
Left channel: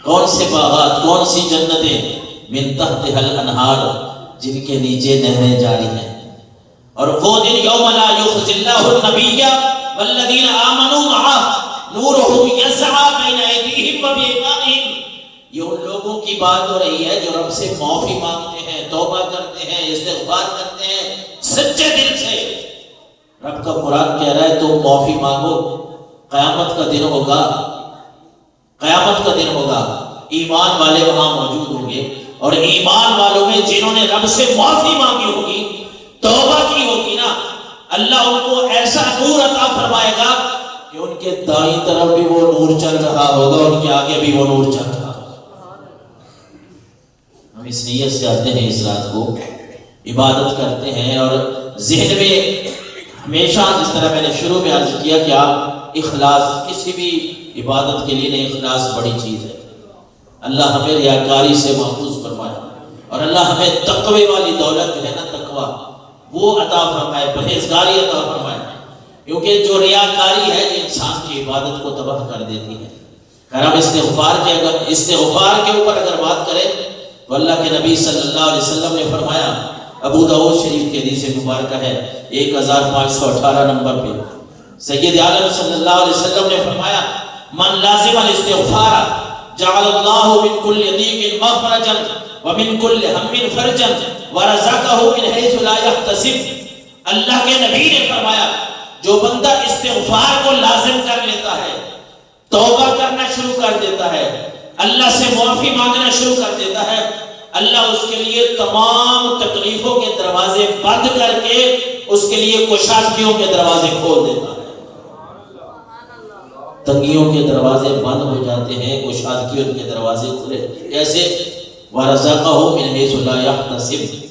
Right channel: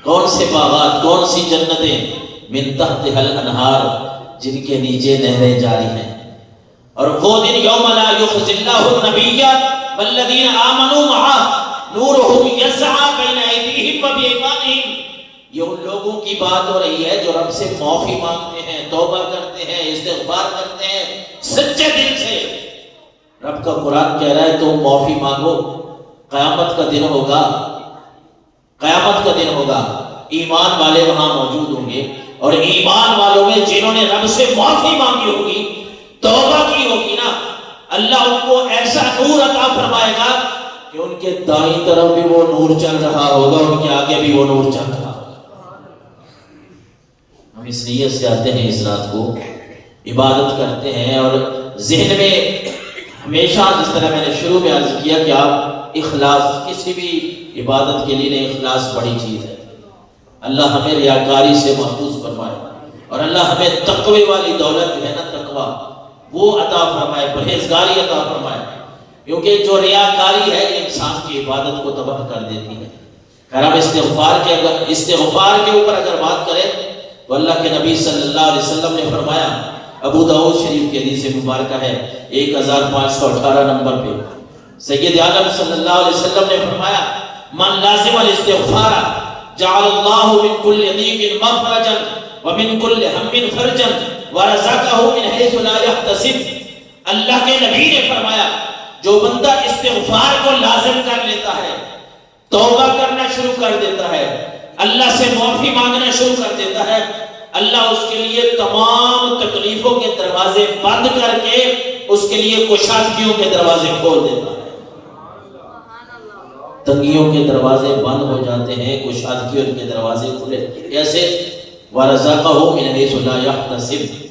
کون سے باغات، کون سی جنتیں؟ من تحتہا الانہار، جن کے نیچے نہریں جاری ہیں۔ اور وہ دن یوم لا یخزی اللہ النبی والذین آمنوا معہ نورہم یسعی بین ایدیہم وبایمانہم، یہ ان لوگوں کی بات ہو رہی ہے جو رب سے معافی مانگتے ہیں، توبہ کرتے ہیں، استغفار کرتے ہیں سچے دل سے۔ رب کا قرآن کہہ رہا ہے تم معافی مانگو، قیامت کا دن ہوگا، قیامت کا دن ہوگا، ایمان والے وہاں موجود ہوں گے، اور ایمان والوں میں جنہوں نے رب سے معافی مانگی ہوگی، توبہ کی ہوگی نا، اللہ ان کو ایسا نور عطا فرمائے گا کہ ان کے دائیں طرف بھی وہ نور چل رہا ہوگا، ان کے آگے بھی وہ نور چل رہا ہوگا۔ ہم اس نیت سے آتے ہیں اس رات کو، عبادت کرتے ہیں، اور ذہن میں ہمیشہ جس طرح میں نے شروع میں عرض کیا کہ آپ اخلاص، کسی بھی عبادت کے لیے اخلاص بڑی چیز ہے۔ اللہ ہمیں ریاکاری سے محفوظ فرمائے، اور اللہ ہمیں تقوی والی دولت جو ہے نا، تقوی وہ عطا فرمائے، پرہیزگاری عطا فرمائے، کیونکہ جو ریاکاری ہے یہ انسان کی عبادت کو تباہ کر دیتی ہے۔ خیر ہم استغفار کے اوپر اگر بات کریں تو اللہ کے نبی صلی اللہ علیہ وسلم نے فرمایا، ابو داؤد شریف کے حدیث مبارکہ ہے 1518 نمبر پہ، سید عالم صلی اللہ علیہ وسلم نے فرمایا، من لازم الاستغفار جعل اللہ من کل ضیق مخرجا ومن کل ہم فرجا ورزقہ من حیث لا یحتسب۔ اللہ کے نبی نے فرمایا جو بندہ استغفار کو لازم کر لیتا ہے، توبہ کرنا شروع کر دیتا ہے، اللہ سے معافی مانگنا شروع کر دیتا ہے، اللہ اس کے لیے تمام تکلیفوں کے دروازے بند کر کے اس کے لیے کشادگیوں کے دروازے کھول دیتا ہے۔ تنگیوں کے دروازے بند ہو جاتے ہیں، کشادگیوں کے دروازے کھلے، کیسے؟ وَرَزَقَهُ مِنْ حَيْثُ لَا يَحْتَسِبُ۔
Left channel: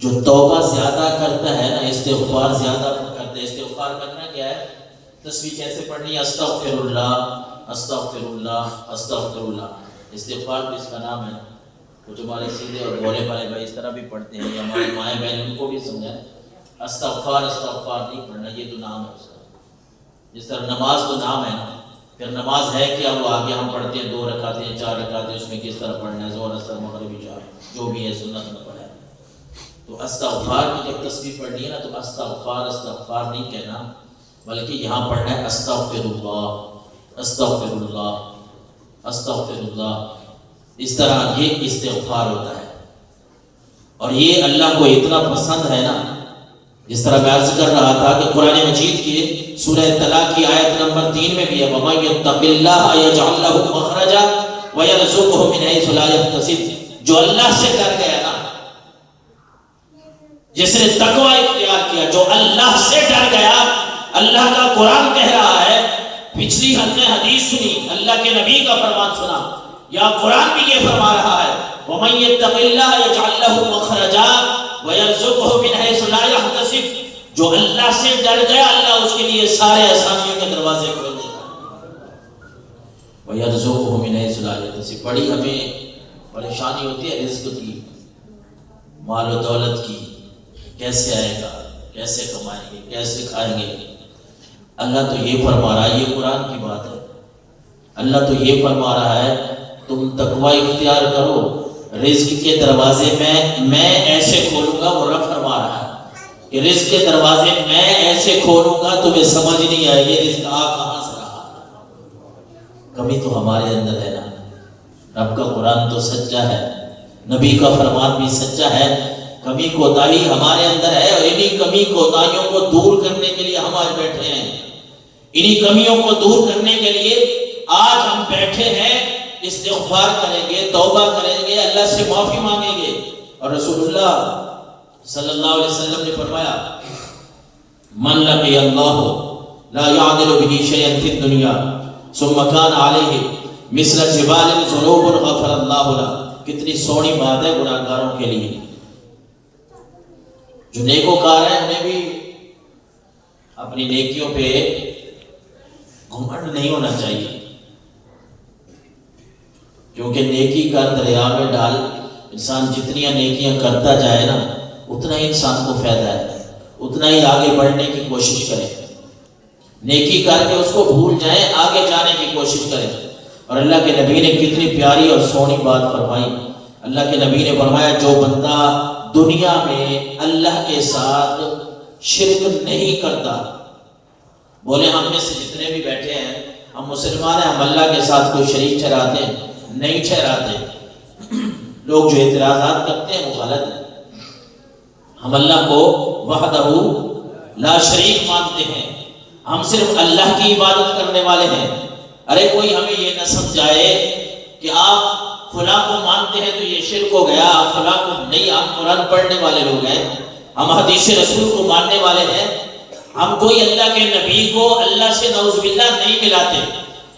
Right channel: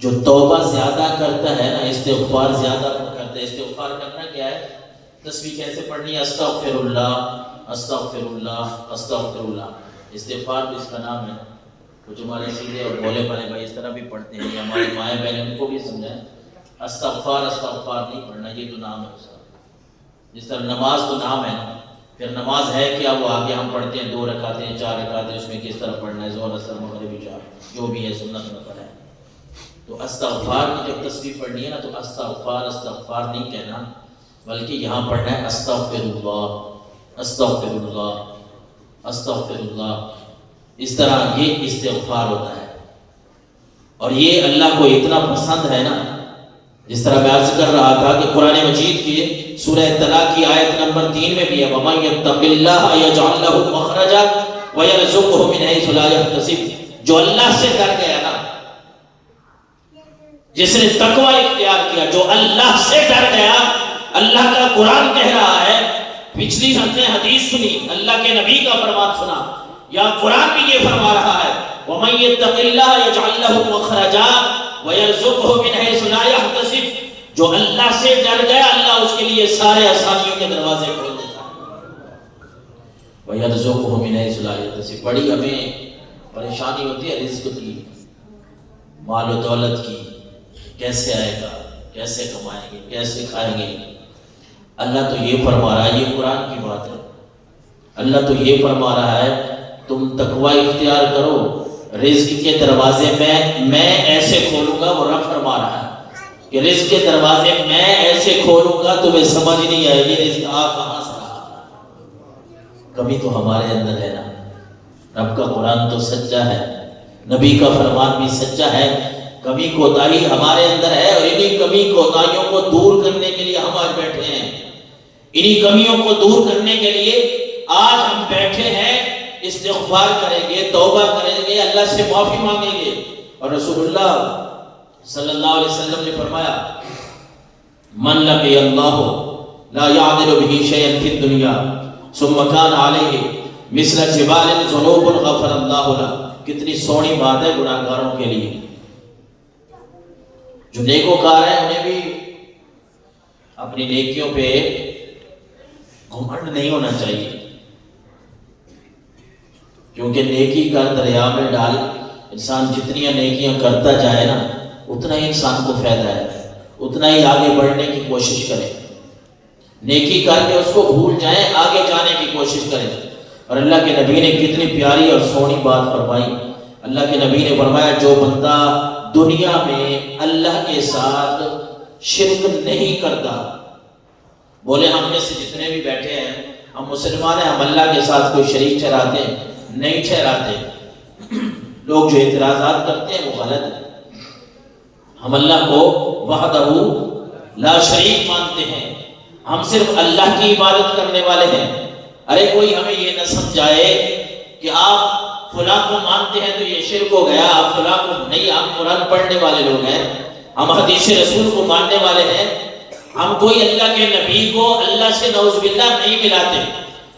جو توبہ زیادہ کرتا ہے نا، استغفار زیادہ کرتا ہے۔ استغفار کرنا کیا ہے؟ تسبیح کیسے پڑھنی ہے؟ استغفر اللہ استغفر اللہ استغفر اللہ۔ استغفار بھی اس کا نام ہے۔ وہ جو ہمارے سیدھے اور بولے والے بھائی اس طرح بھی پڑھتے ہیں، یا ہمارے مائیں بہن ان کو بھی سمجھائیں، استغفار استغفار نہیں پڑھنا، یہ تو نام ہے اس کا۔ جس طرح نماز تو نام ہے نا، پھر نماز ہے کیا وہ آگے ہم پڑھتے ہیں 2 رکعتیں 4 رکعتیں، اس میں کس طرح پڑھنا ہے، ظہر اثر مغرب عشاء جو بھی ہے سنت میں پڑھا ہے۔ تو استغفار کی جب تسبیح پڑھنی ہے نا تو استغفار استغفار نہیں کہنا، بلکہ یہاں پڑھنا ہے استغفر اللہ استغفر اللہ استغفر اللہ، اس طرح یہ استغفار ہوتا ہے۔ اور یہ اللہ کو اتنا پسند ہے نا، جس طرح میں عرض کر رہا تھا کہ قرآن مجید کی سورہ طلاق کی آیت نمبر 3 میں بھی ہے وَمَن يَتَّقِ اللَّهَ يَجْعَل لَّهُ مَخْرَجًا وَيَرْزُقْهُ مِنْ حَيْثُ لَا يَحْتَسِبُ، جو اللہ سے ڈر گیا نا، جس نے تقوی اختیار کیا، جو اللہ سے ڈر گیا، اللہ کا قرآن کہہ رہا ہے، پچھلی ہم نے حدیث سنی، اللہ کے نبی کا فرمان سنا، یا قرآن بھی یہ فرما رہا ہے وَمَن يَتَّقِ اللَّهَ يَجْعَل لَّهُ مَخْرَجًا وَيَرْزُقْهُ مِنْ حَيْثُ لَا يَحْتَسِبُ، جو اللہ سے ڈر گیا اللہ اس کے لیے سارے آسانیوں کے دروازے کھول دیتا ہے۔ وَيَرْزُقْهُ مِنْ حَيْثُ لَا يَحْتَسِبُ، بڑی ہمیں پریشانی ہوتی ہے رزق کی، مال و دولت کی، کیسے آئے گا، کیسے کمائیں گے، کیسے کھائیں گے۔ اللہ تو یہ فرما رہا ہے، یہ قرآن کی بات ہے، اللہ تو یہ فرما رہا ہے تم تقوی اختیار کرو، رزق کے دروازے میں ایسے کھولوں گا، وہ رب فرما رہا ہے کہ رزق کے دروازے میں ایسے کھولوں گا تمہیں سمجھ نہیں آئے گی رزق کہاں سے رہا۔ کمی تو ہمارے اندر ہے نا، رب کا قرآن تو سچا ہے، نبی کا فرمان بھی سچا ہے، کمی کوتاہی ہمارے اندر ہے، اور انہی کمی کوتاہیوں کو دور کرنے کے لیے ہم آج بیٹھے ہیں، انہی کمیوں کو دور کرنے کے لیے آج ہم بیٹھے ہیں، استغفار کریں گے، توبہ کریں گے، اللہ سے معافی مانگیں گے۔ اور رسول اللہ صلی اللہ علیہ وسلم نے فرمایا من لقی اللہ لا یعدل به شیئا فی الدنیا ثم کان علیہ مثل جبال ذنوب غفر اللہ له۔ کتنی سونی بات ہے گناہگاروں کے لیے، جو نیکوکار ہیں انہیں بھی اپنی نیکیوں پہ گھمنڈ نہیں ہونا چاہیے، کیونکہ نیکی کا دریا میں ڈال، انسان جتنی نیکیاں کرتا جائے نا اتنا ہی انسان کو فائدہ ہے، اتنا ہی آگے بڑھنے کی کوشش کرے، نیکی کر کے اس کو بھول جائیں، آگے جانے کی کوشش کریں۔ اور اللہ کے نبی نے کتنی پیاری اور سونی بات فرمائی، اللہ کے نبی نے فرمایا جو بندہ دنیا میں اللہ کے ساتھ شرک نہیں کرتا، بولے ہم میں سے جتنے بھی بیٹھے ہیں ہم مسلمان ہیں، ہم اللہ کے ساتھ کوئی شریک ٹھہراتے ہیں؟ نہیں ٹھہراتے۔ لوگ جو اعتراضات کرتے ہیں وہ غلط ہے، ہم اللہ کو وحدہ لا شریک مانتے ہیں، ہم صرف اللہ کی عبادت کرنے والے ہیں۔ ارے کوئی ہمیں یہ نہ سمجھائے کہ آپ فلاں کو مانتے ہیں تو یہ شرک ہو گیا، آپ فلاں کو نہیں، ہم قرآن پڑھنے والے لوگ ہیں، ہم حدیث رسول کو ماننے والے ہیں، ہم کوئی اللہ کے نبی کو اللہ سے نعوذ باللہ نہیں ملاتے،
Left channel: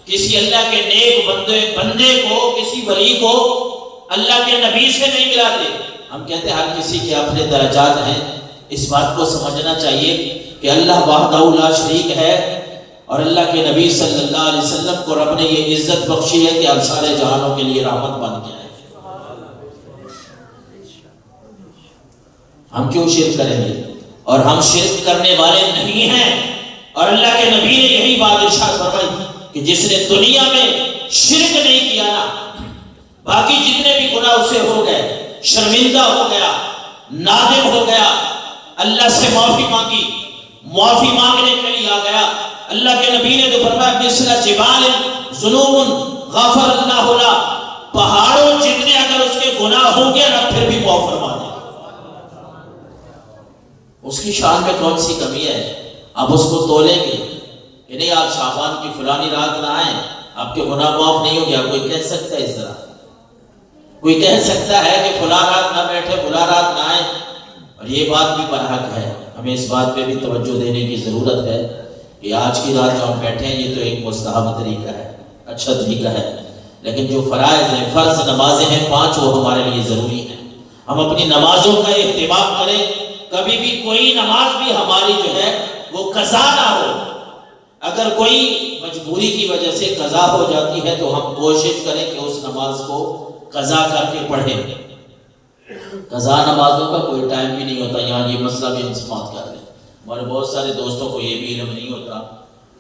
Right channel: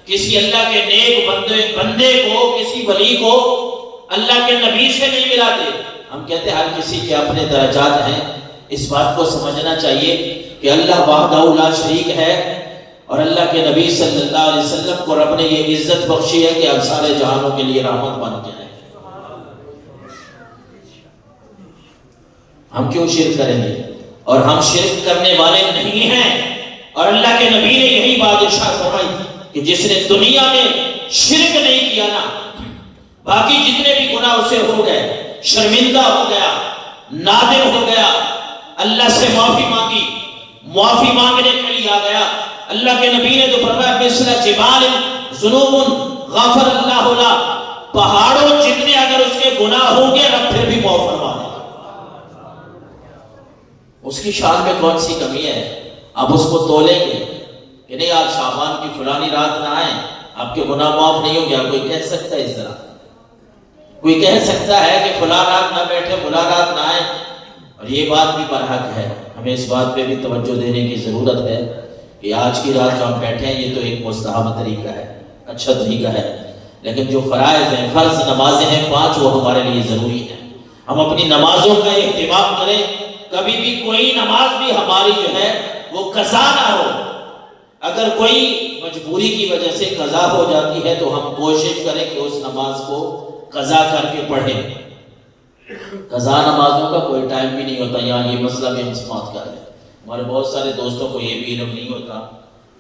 کسی اللہ کے نیک بندے کو، کسی ولی کو اللہ کے نبی سے نہیں ملاتے۔ ہم کہتے ہیں ہر کسی کے اپنے درجات ہیں، اس بات کو سمجھنا چاہیے کہ اللہ وحدہ لا شریک ہے، اور اللہ کے نبی صلی اللہ علیہ وسلم کو رب نے یہ عزت بخشی ہے کہ اب سارے جہانوں کے لیے رحمت بن کے آئے۔ ہم کیوں شرک کریں گے؟ اور ہم شرک کرنے والے نہیں ہیں، اور اللہ کے نبی نے یہی بات ارشاد فرمائی کہ جس نے دنیا میں شرک نہیں کیا نا، باقی جتنے بھی گناہ اسے ہو گئے، شرمندہ ہو گیا، نادم ہو گیا، اللہ سے معافی مانگی، معافی مانگنے کے لیے آ گیا، اللہ کے نبی نے تو فرمایا مثل جبال ذنوب غفر اللہ له، پہاڑوں جتنے اگر اس کے گناہ ہوں گے رب پھر بھی معاف فرما دے۔ اس کی شان میں کون سی کمی ہے؟ اب اس کو تولیں گے کہ نہیں آپ شعبان کی فلانی رات نہ آئیں آپ کے گناہ معاف نہیں ہو گیا؟ کوئی کہہ سکتا ہے اس طرح؟ کوئی کہہ سکتا ہے کہ فلاں رات نہ بیٹھے، فلاں رات نہ آئیں؟ اور یہ بات بھی برحق ہے، ہمیں اس بات پہ بھی توجہ دینے کی ضرورت ہے کہ آج کی رات جو ہم بیٹھے ہیں یہ تو ایک مستحب طریقہ ہے، اچھا طریقہ ہے، لیکن جو فرائض ہیں، فرض نمازیں ہیں 5، وہ ہمارے لیے ضروری ہیں۔ ہم اپنی نمازوں کا اہتمام کریں، کبھی بھی کوئی نماز بھی ہماری جو ہے وہ قضا نہ ہو۔ اگر کوئی مجبوری کی وجہ سے قضا ہو جاتی ہے تو ہم کوشش کریں کہ اس نماز کو قضا کر کے پڑھیں۔ قضا نمازوں کا کوئی ٹائم بھی نہیں ہوتا، یہاں یہ مسئلہ بھی ہم سماعت کر لیں۔ ہمارے بہت سارے دوستوں کو یہ بھی علم نہیں ہوتا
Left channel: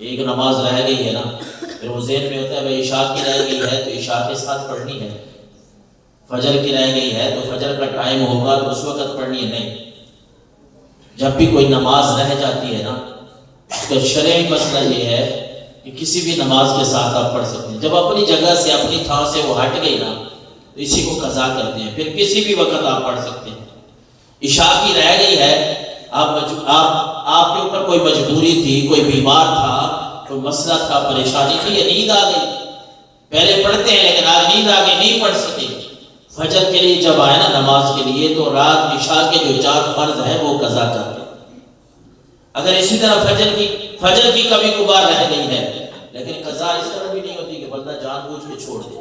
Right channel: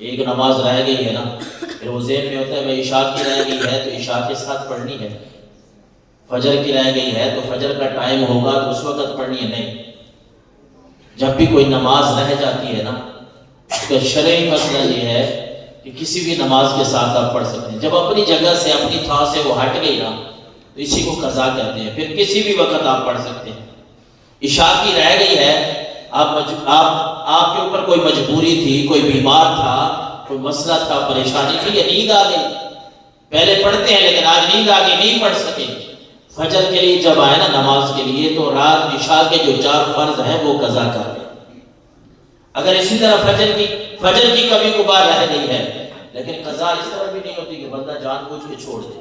ایک نماز رہ گئی ہے نا، پھر وہ ذہن میں ہوتا ہے بھائی عشاء کی رہ گئی ہے تو عشاء کے ساتھ پڑھنی ہے، فجر کی رہ گئی ہے تو فجر کا ٹائم ہوگا تو اس وقت پڑھنی ہے، نہیں۔ جب بھی کوئی نماز رہ جاتی ہے نا، اس کا شرعی مسئلہ یہ ہے کہ کسی بھی نماز کے ساتھ آپ پڑھ سکتے ہیں۔ جب اپنی جگہ سے اپنی تھان سے وہ ہٹ گئی نا تو اسی کو قضا کہتے ہیں، پھر کسی بھی وقت آپ پڑھ سکتے ہیں۔ عشاء کی رہ گئی ہے، آپ کے اوپر کوئی مجبوری تھی، کوئی بیمار تھا، کوئی مسئلہ تھا، پریشانی تھی، یا نیند آ گئی، پہلے پڑھتے ہیں لیکن آج نیند آ گئی، نہیں پڑھ سکے، فجر کے لیے جب آئے نا نماز کے لیے تو رات عشاء کے جو 4 فرض ہیں وہ قضا کر لیں۔ اگر اسی طرح فجر کی کبھی کبھار رہ گئی ہے، لیکن قضا اس طرح بھی نہیں ہوتی کہ بندہ جان بوجھ کے چھوڑ دے۔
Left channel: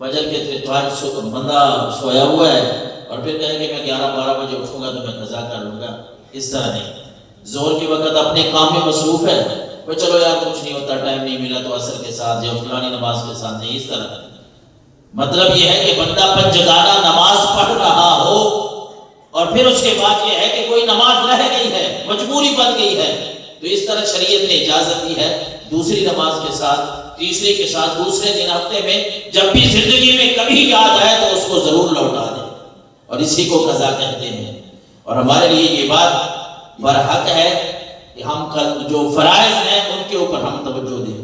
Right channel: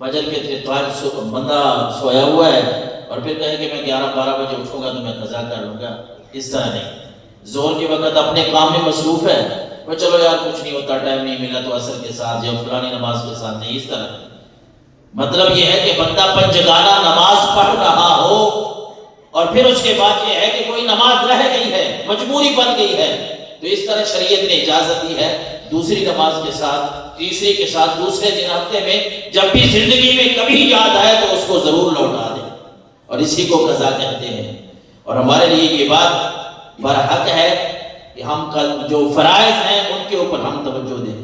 فجر کے ٹائم بندہ سویا ہوا ہے اور پھر کہے کہ میں 11-12 بجے اٹھوں گا تو میں قضا کر لوں گا، اس طرح نہیں۔ ظہر کے وقت اپنے کام میں مصروف ہے، وہ چلو یار کچھ نہیں ہوتا، ٹائم نہیں ملا تو عصر کے ساتھ یا فلانی نماز کے ساتھ، نہیں، اس طرح۔ مطلب یہ ہے کہ بندہ پنجگانہ نماز پڑھ رہا ہو اور پھر اس کے بعد یہ ہے کہ کوئی نماز رہ گئی ہے، مجبوری بن گئی ہے، تو اس طرح شریعت نے اجازت دی ہے دوسری نماز کے ساتھ، تیسری کے ساتھ، دوسرے دن ہفتے میں جب بھی زندگی میں کبھی یاد آئے تو اس کو ضرور لوٹا دیں، اور اسی کو قضا کہتے ہیں۔ اور ہمارے لیے یہ بات برحق ہے کہ ہم جو فرائض ہیں ان کے اوپر ہم توجہ دیں،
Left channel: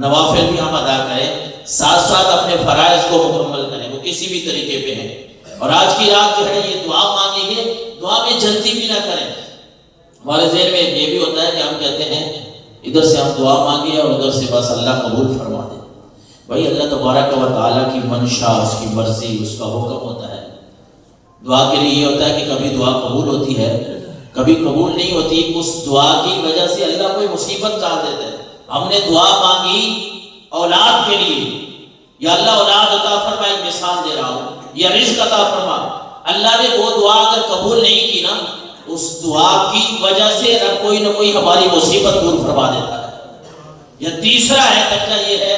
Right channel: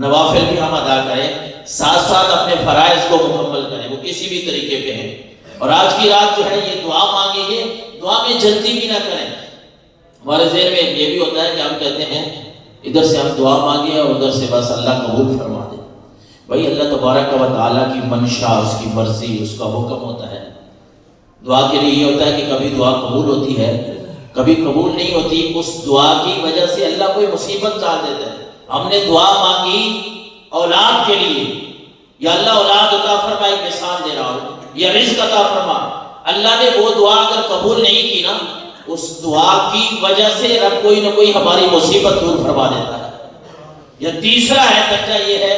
نوافل بھی ہم ادا کریں، ساتھ ساتھ اپنے فرائض کو مکمل کریں، وہ کسی بھی طریقے پہ ہیں۔ اور آج کی رات جو ہے یہ دعا مانگیں گے، دعا میں جلدی بھی نہ کریں۔ ہمارے ذہن میں یہ بھی ہوتا ہے کہ ہم کہتے ہیں ادھر سے ہم دعا مانگیں اور ادھر سے بس اللہ قبول فرما دے۔ بھائی اللہ تبارک و تعالیٰ کی منشا، اس کی مرضی، اس کا حکم ہوتا ہے۔ دعا کے لیے یہ ہوتا ہے کہ کبھی دعا قبول ہوتی ہے، کبھی قبول نہیں ہوتی، اس دعا کی وجہ سے اللہ کوئی مصیبت ڈال دیتا ہے۔ ہم نے دعا مانگی اولاد کے لیے، یا اللہ اولاد عطا فرما، ایک مثال دے رہا ہوں، یا رزق عطا فرما، اللہ نے وہ دعا اگر قبول نہیں کی نا، اس دعا کی وجہ سے رب کوئی نہ کوئی ہماری مصیبت دور فرما دیتا ہے۔ یا تیسرا ہے درجہ یہ ہے،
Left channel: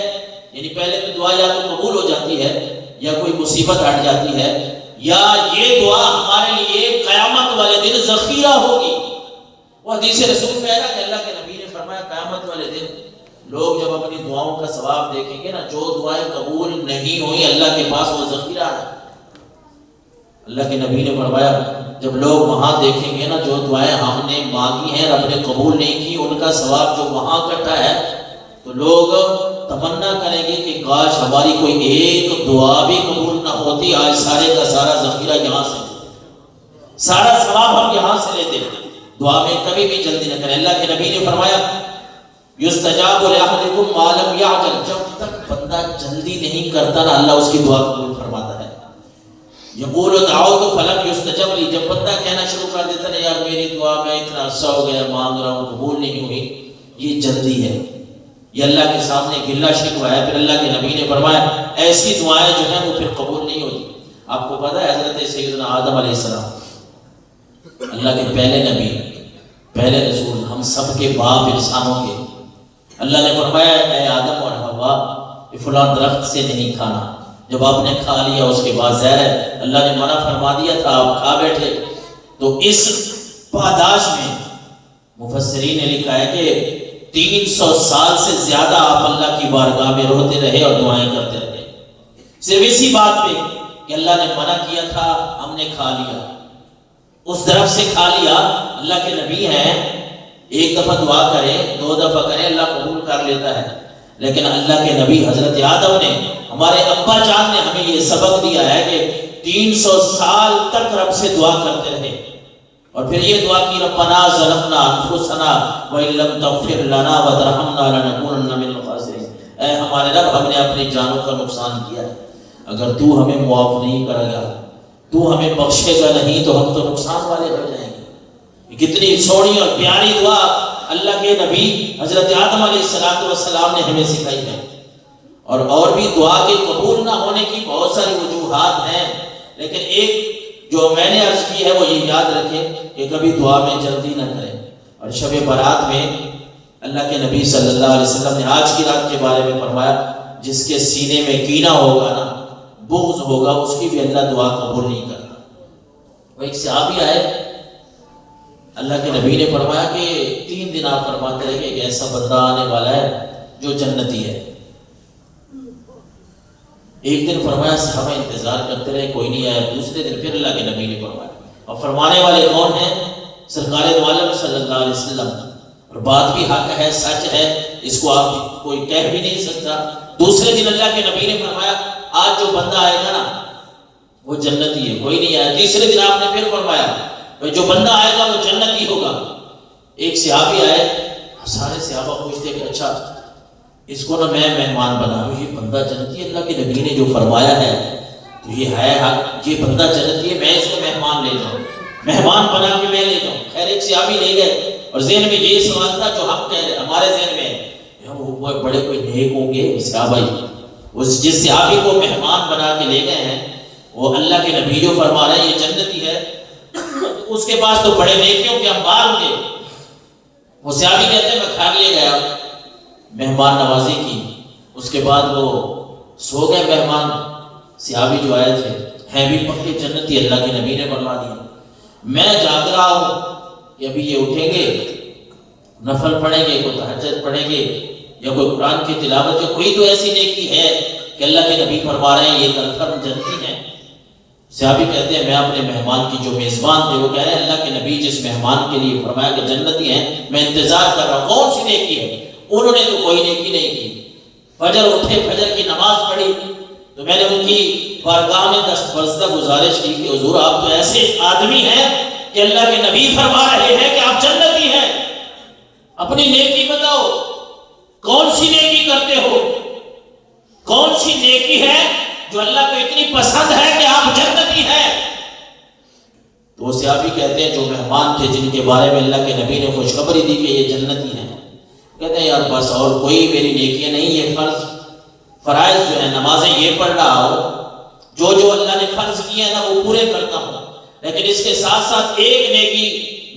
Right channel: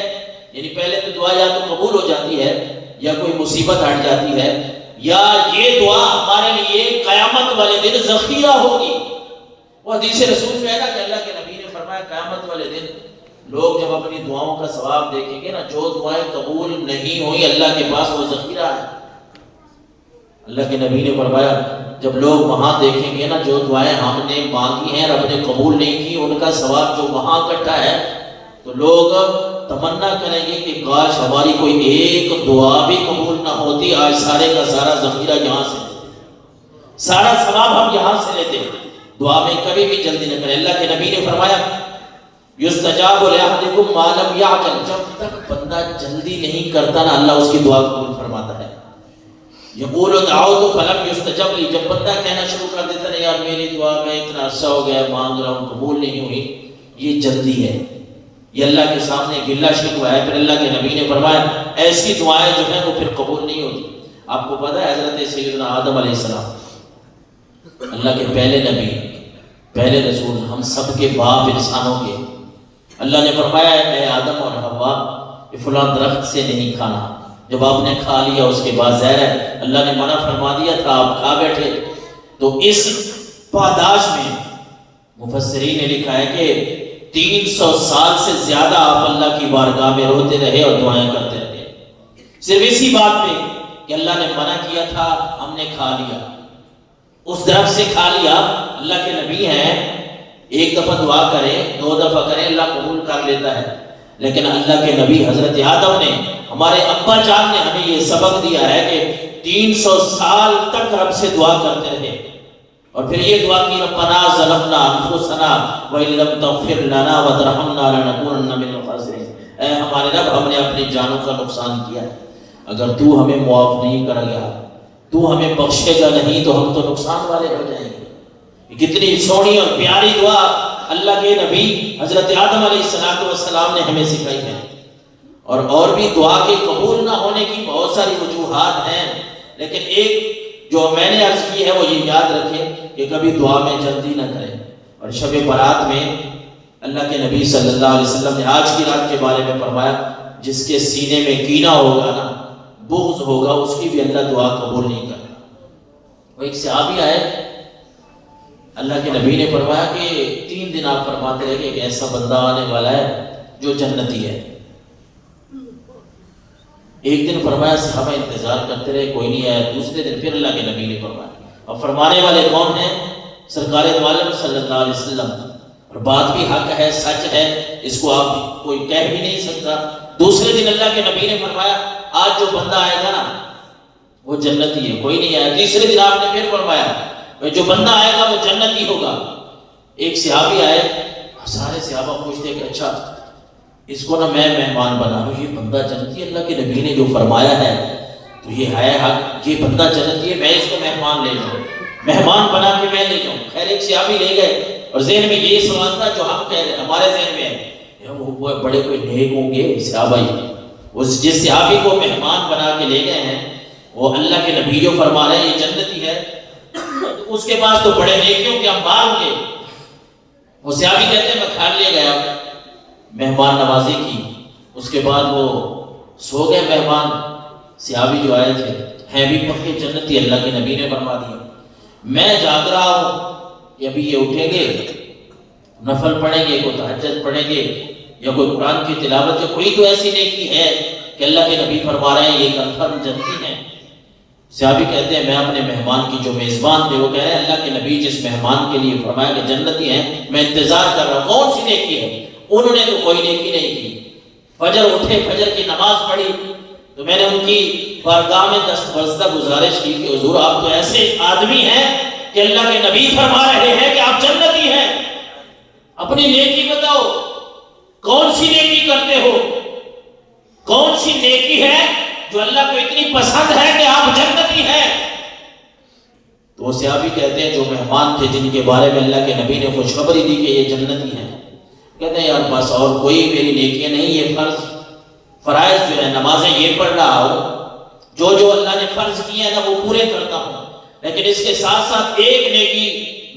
یعنی پہلے تو دعا یا تو قبول ہو جاتی ہے یا کوئی مصیبت ہٹ جاتی ہے، یا یہ دعا ہمارے لیے قیامت والے دن ذخیرہ ہوگی۔ وہ حدیث رسول میں ہے نا کہ اللہ کے نبی نے فرمایا قیامت والے دن لوگ جب اپنی دعاؤں کا ثواب دیکھیں گے نا، جو دعائیں قبول نہیں ہوئی اللہ کے پاس وہ ذخیرہ ہے۔ اللہ کے نبی نے فرمایا جب لوگ وہاں دیکھیں گے نا جو دعائیں ہم نے مانگی ہیں رب نے قبول نہیں کی، ان کا ثواب جو وہاں اکٹھا ہے، تو لوگ تمنا کریں گے کہ کاش ہماری کوئی ایک دعا بھی قبول نہ ہوتی، آج سارے کا سارا ذخیرہ یہاں سے لیتے، سارا ثواب ہم یہاں سے لیتے۔ دعا میں کبھی بھی جلدی نہ کریں۔ اللہ کے نبی نے فرمایا یستجاب لأحدکم ما لم یعجل، جب تک بندہ جلدی نہیں کرتا نا اللہ اس کی دعا قبول فرماتا ہے۔ یقول دعوت فلم یستجب لی، جب بندہ کہنا شروع کر دیتا ہے یار میری دعا میں اتنا عرصہ ہو گیا مانگ رہا ہوں قبول نہیں ہوئی، یہ جلدی ہے، یہ اللہ کے سامنے گلہ شکوہ ہے۔ پھر اللہ کے نبی نے فرمایا ایسی دعائیں جو ہیں وہ پھر قبول نہیں ہوتی۔ آپ کو پتہ ہے حضرت سیدنا آدم علیہ السلام اللہ کے پہلے نبی، پہلے رسول، ہم سب کے باپ انسانوں کے، اللہ نے فرمایا اے آدم اور حوا کہ فلاں درخت سے نہیں کھانا، جب آپ نے کھا لیا اس کے بعد زہر ہے، اللہ نے منع فرما دیا تھا، آپ کھا بیٹھے۔ تو اس پاداش میں مفسرین نے لکھا ہے کہ 300 سال سے زیادہ آپ اللہ کی بارگاہ میں روتے رہے اور دعائیں کرتے رہے، صرف اسی بات پہ کہ اللہ نے منع کیا تھا، ہم نے کھا لیا، اس درخت سے کھا لیا۔ اللہ کے نبی ہیں، ایک دفعہ دعا کرے، 2 دفعہ کرے، اللہ قبول کر لیتا ہے، لیکن اللہ کے نبی حضرت آدم نے، ہمارے ابا جان نے ہمیں یہ سبق دیا ہے کہ 300 سال تک رب سے دعا کرتے رہے، اور پھر یہ دعا کی ربنا ظلمنا انفسنا وان لم تغفر لنا وترحمنا لنکونن من الخاسرین، اے ہمارے رب ہم نے اپنی جانوں کا نقصان کیا ہے، اگر تو ہمیں معاف نہیں کرے گا، تو ہمیں بخشے گا نہیں تو ہم تو نقصان والے ہو جائیں گے۔ کتنی سونی اور پیاری دعا اللہ کے نبی حضرت آدم علیہ السلام نے ہمیں سکھائی ہے۔ اور بھی دعا کے قبول نہ ہونے کی بہت ساری وجوہات ہیں، لیکن ایک جو میں نے عرض کی ہے وہ یہ یاد رکھیں کہ کبھی دعا میں جلدی نہ کریں۔ اور شب برات میں اللہ کے نبی صلی اللہ علیہ وسلم نے آج کی رات کے بارے میں فرمایا جس کے سینے میں کینہ ہوگا نا، بغض ہوگا، اس کی بھی اللہ دعا قبول نہیں کرتا۔ وہ ایک صحابی آئے اللہ کے نبی نے فرمایا کہ 3 دن آپ فرماتے رہے کہ ایک ایسا بندہ آنے والا ہے جو جنتی ہے. ایک دن فرمایا صحابہ انتظار کرتے رہے، کوئی نہیں آیا. دوسرے دن پھر اللہ کے نبی نے فرمایا. اب فرمانے والے کون ہیں؟ سرکار دو عالم صلی اللہ علیہ وسلم. اور بات بھی حق ہے، سچ ہے، اس کو آپ کوئی کہہ بھی نہیں سکتا. دوسرے دن اللہ کے نبی نے فرمایا آج جو بندہ آئے گا نا وہ جنتی ہے، کوئی نہیں آیا. تیسرے دن آپ نے پھر فرمایا جو بندہ آئے گا وہ جنتی ہوگا. ایک صحابی آئے، سارے صحابہ خوش تھے کہ اچھا اس کو نا میں مہمان بنا لوں، یہ بندہ جنتی ہے، اللہ کے نبی نے جو فرمایا ہے تو یہ ہے حق، یہ بندہ جنتی ہے، میں اس کو مہمان لے جاؤں، مہمان بنا کے میں لے جاؤں. خیر ایک صحابی لے گئے اور ذہن میں یہی سوال تھا جو ہم کہہ رہے ہمارے ذہن میں ہے وہ بڑے کوئی نیک ہوں گے صحابہ. جس صحابی کو مہمان بنا کے لے گئے ہیں وہ اللہ کے نبی جو فرما رہے ہیں یہ جنتی ہے، اس کے پاس تو بڑے نیکیوں کے انبار ہوں گے. وہ صحابی کہتے ہیں میں کھا لیا گیا، مہمان نوازی کی، اس کے بعد وہ سو گئے. مہمان صحابی جو آئے تھے ہیں بھی پکے جنتی، اللہ کے نبی نے فرما دیا. میں جاگ رہا ہوں کہ ابھی یہ اٹھیں گے، نفل پڑھیں گے، کوئی تہجد پڑھیں گے یا کوئی قرآن کی تلاوت، یا کوئی تو ایسی نیکی ہے کہ اللہ کے نبی فرما رہے ہیں یہ کنفرم جنتی ہیں. صحابی کہتے ہیں میں اپنے مہمان کی جو میزبان تھے وہ کہہ رہے ہیں اللہ کے نبی جس مہمان کے لیے فرمایا کہ جنتی ہیں میں انتظار کر رہا ہوں کون سی نیکی ہے. انہوں نے تو کوئی نیکی نہیں کی. فجر اٹھے، فجر کی نماز پڑھی تو میں نے ان کی بارگاہ میں دستبردہ گزارش کی کہ حضور آپ تو ایسے آدمی ہیں کہ اللہ کے نبی فرما رہے ہیں کہ آپ جنتی ہیں، اپنی نیکی بتاؤ، کون سی نیکی کرتے ہو، کون سی نیکی ہے جو اللہ کو اتنی پسند ہے کہ آپ جنتی ہیں. تو وہ صحابی کہتے ہیں جو مہمان تھے جن کے بارے میں اللہ کے نبی نے خوشخبری دی کہ یہ جنتی ہیں، کہتے ہیں یار بس اور کوئی میری نیکیاں نہیں، یہ فرائض جو ہے نمازیں یہ پڑھ رہا ہو، جو اللہ نے فرض کیے ہیں نا وہ پورے کرتا ہوں، لیکن اس کے ساتھ ساتھ ایک نیکی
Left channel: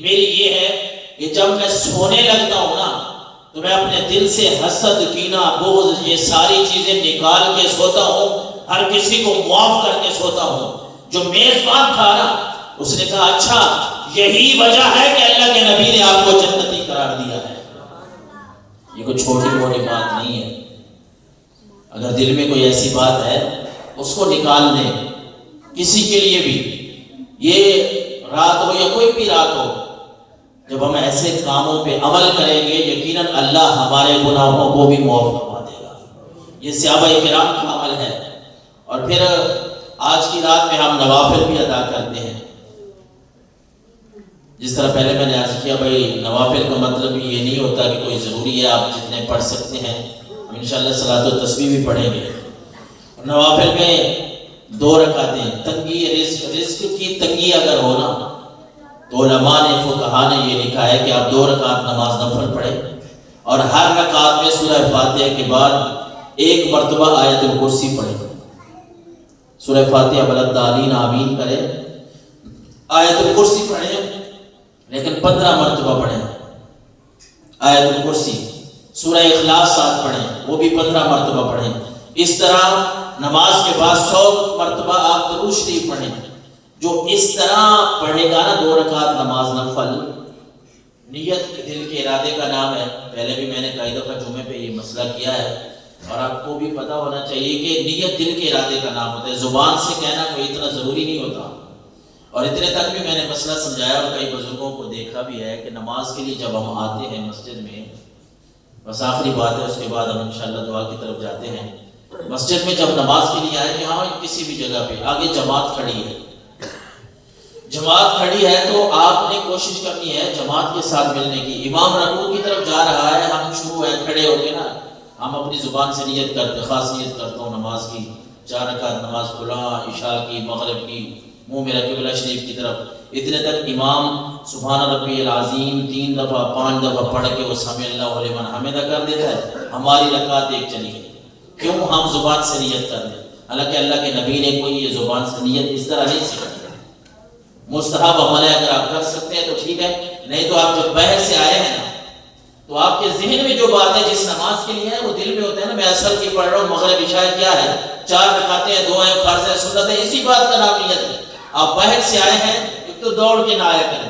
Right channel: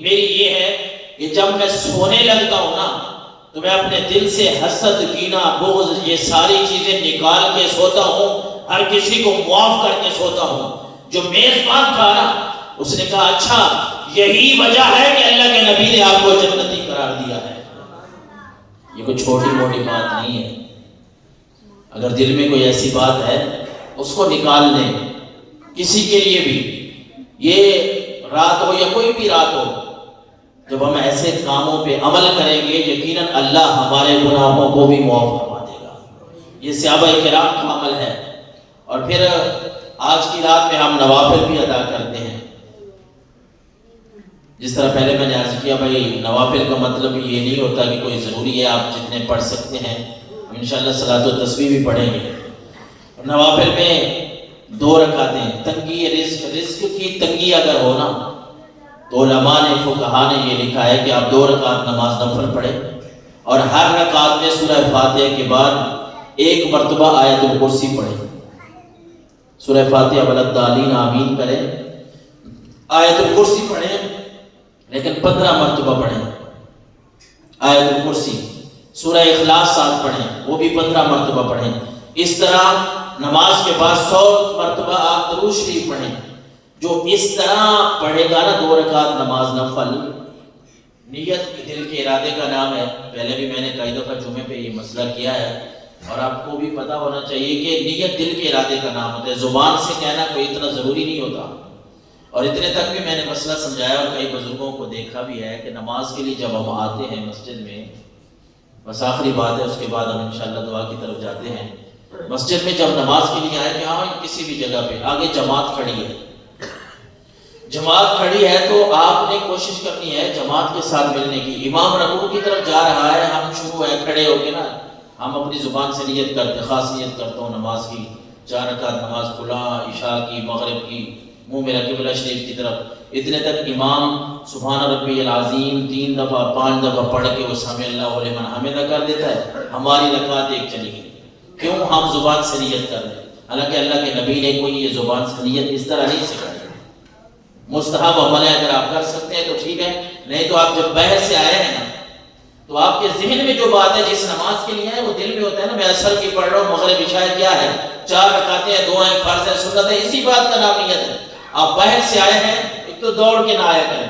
میری یہ ہے کہ جب میں سونے لگتا ہوں نا تو میں اپنے دل سے حسد، کینہ، بغض یہ ساری چیزیں نکال کے سوتا ہوں، ہر کسی کو معاف کر کے سوتا ہوں. جو میزبان تھا نا اس نے کہا اچھا یہی وجہ ہے کہ اللہ کے نبی نے آپ کو جنتی قرار دیا ہے. یہ کوئی چھوٹی موٹی بات نہیں ہے. اگر دل میں کوئی ایسی بات ہے اس کو نکال لیں. کسی کے لیے بھی یہ رات ہو یا کوئی بھی رات ہو، جب ہم ایسے کاموں پہ عمل کریں گے یقیناً اللہ ہمارے گناہوں کو بھی معاف فرما دے گا. یہ صحابہ کرام کا عمل ہے. اور پھر آج کی رات میں ہم نوافل بھی ادا کرتے ہیں. جس طرح پہلے میں نے عرض کیا بھائی نوافل کا مطلب یہ نہیں ہوتا کہ کوئی ضروری ہے آپ جتنے پڑھ سکتے ہیں، ہم انشاءاللہ صلاۃ التسبیح بھی پڑھیں گے. نوافل میں 2 رکعتیں، تنگی رزق کی تنگی اگر ہو نا تو علماء نے فقہا نے یہ لکھا ہے کہ آپ 2 رکعت نماز نفل پڑھیں اور ہر رکعت میں سورہ فاتحہ کے بعد 1 مرتبہ آیت الکرسی پڑھیں. سورہ فاتحہ والضالین آمین کریں، آیت الکرسی پڑھیں لیکن 15 مرتبہ پڑھیں آیت الکرسی. سورہ اخلاص 7 پڑھیں وہ بھی 15 مرتبہ پڑھیں. اس طرح نماز کے بعد 100 مرتبہ آپ درود شریف پڑھیں. جو اس طرح پڑھے گا نا 2 رکعت نماز نفل، نیت دل کے ارادے کا نام ہے. پہلے بھی میں نے کئی دفعہ جمعے پہ یہ مسئلہ کیا ہے اور آپ کو بھی پتا ہونا چاہیے کہ نیت دل کے ارادے کا نام ہوتا ہے. زبان سے کہنا کوئی اتنا ضروری نہیں ہوتا. اور اتنے تک بھی میں نے مسئلہ سمجھایا اور کئی بزرگوں کو دیکھا بھی ہے کہ نماز کے لیے جب ہم آتے ہیں مسجد میں، بس آخری بات ہے اس کے بعد ہم انشاءاللہ دعا کی طرف جاتے ہیں. مسجد میں جب نماز کے لیے آئے کہ ہاں کسی بھی جگہ پہ آگے جماعت کھڑی ہے، جماعت کھڑی ہے تو آپ نے کوشش کرنی ہے جماعت کے ساتھ ملنے کی. امام رکوع کی طرف جا رہا ہے، ہم شروع ہے کھڑے ہو کے نا ہم اپنی زبان سے نیت کرتے، خاص نیت کرتا ہوں نماز کی 4 رکعت نماز فلاں، عشاء کی، مغرب کی، منہ میرا قبلہ شریف کی طرف. اتنے تک امام سبحان ربی العظیم 3 دفعہ 5 دفعہ پڑھ کے وہ سمع اللہ لمن حمدہ کر دیتا ہے. ہماری رکعت 1 چلی گئی. کیوں؟ ہم زبان سے نیت کر رہے ہیں، حالانکہ اللہ کے نبی نے کوئی یہ زبان سے نیت اس طرح نہیں سکھائی. مستحب عمل ہے، اگر آپ کر سکتے ہیں تو ٹھیک ہے، نہیں تو آپ جب باہر سے آئے ہیں نا تو آپ کے ذہن میں جو بات ہے جس نماز کے لیے ہے وہ دل میں ہوتا ہے نا. میں اثر کی پڑھ رہا ہوں، مغرب عشاء کیا ہے، 4 رکعتیں ہیں، 2 ہیں فرض ہے، سنت ہے، اسی بات کا نام نیت ہے. آپ باہر سے آئے ہیں ایک تو دوڑ کے نہ آیا کریں.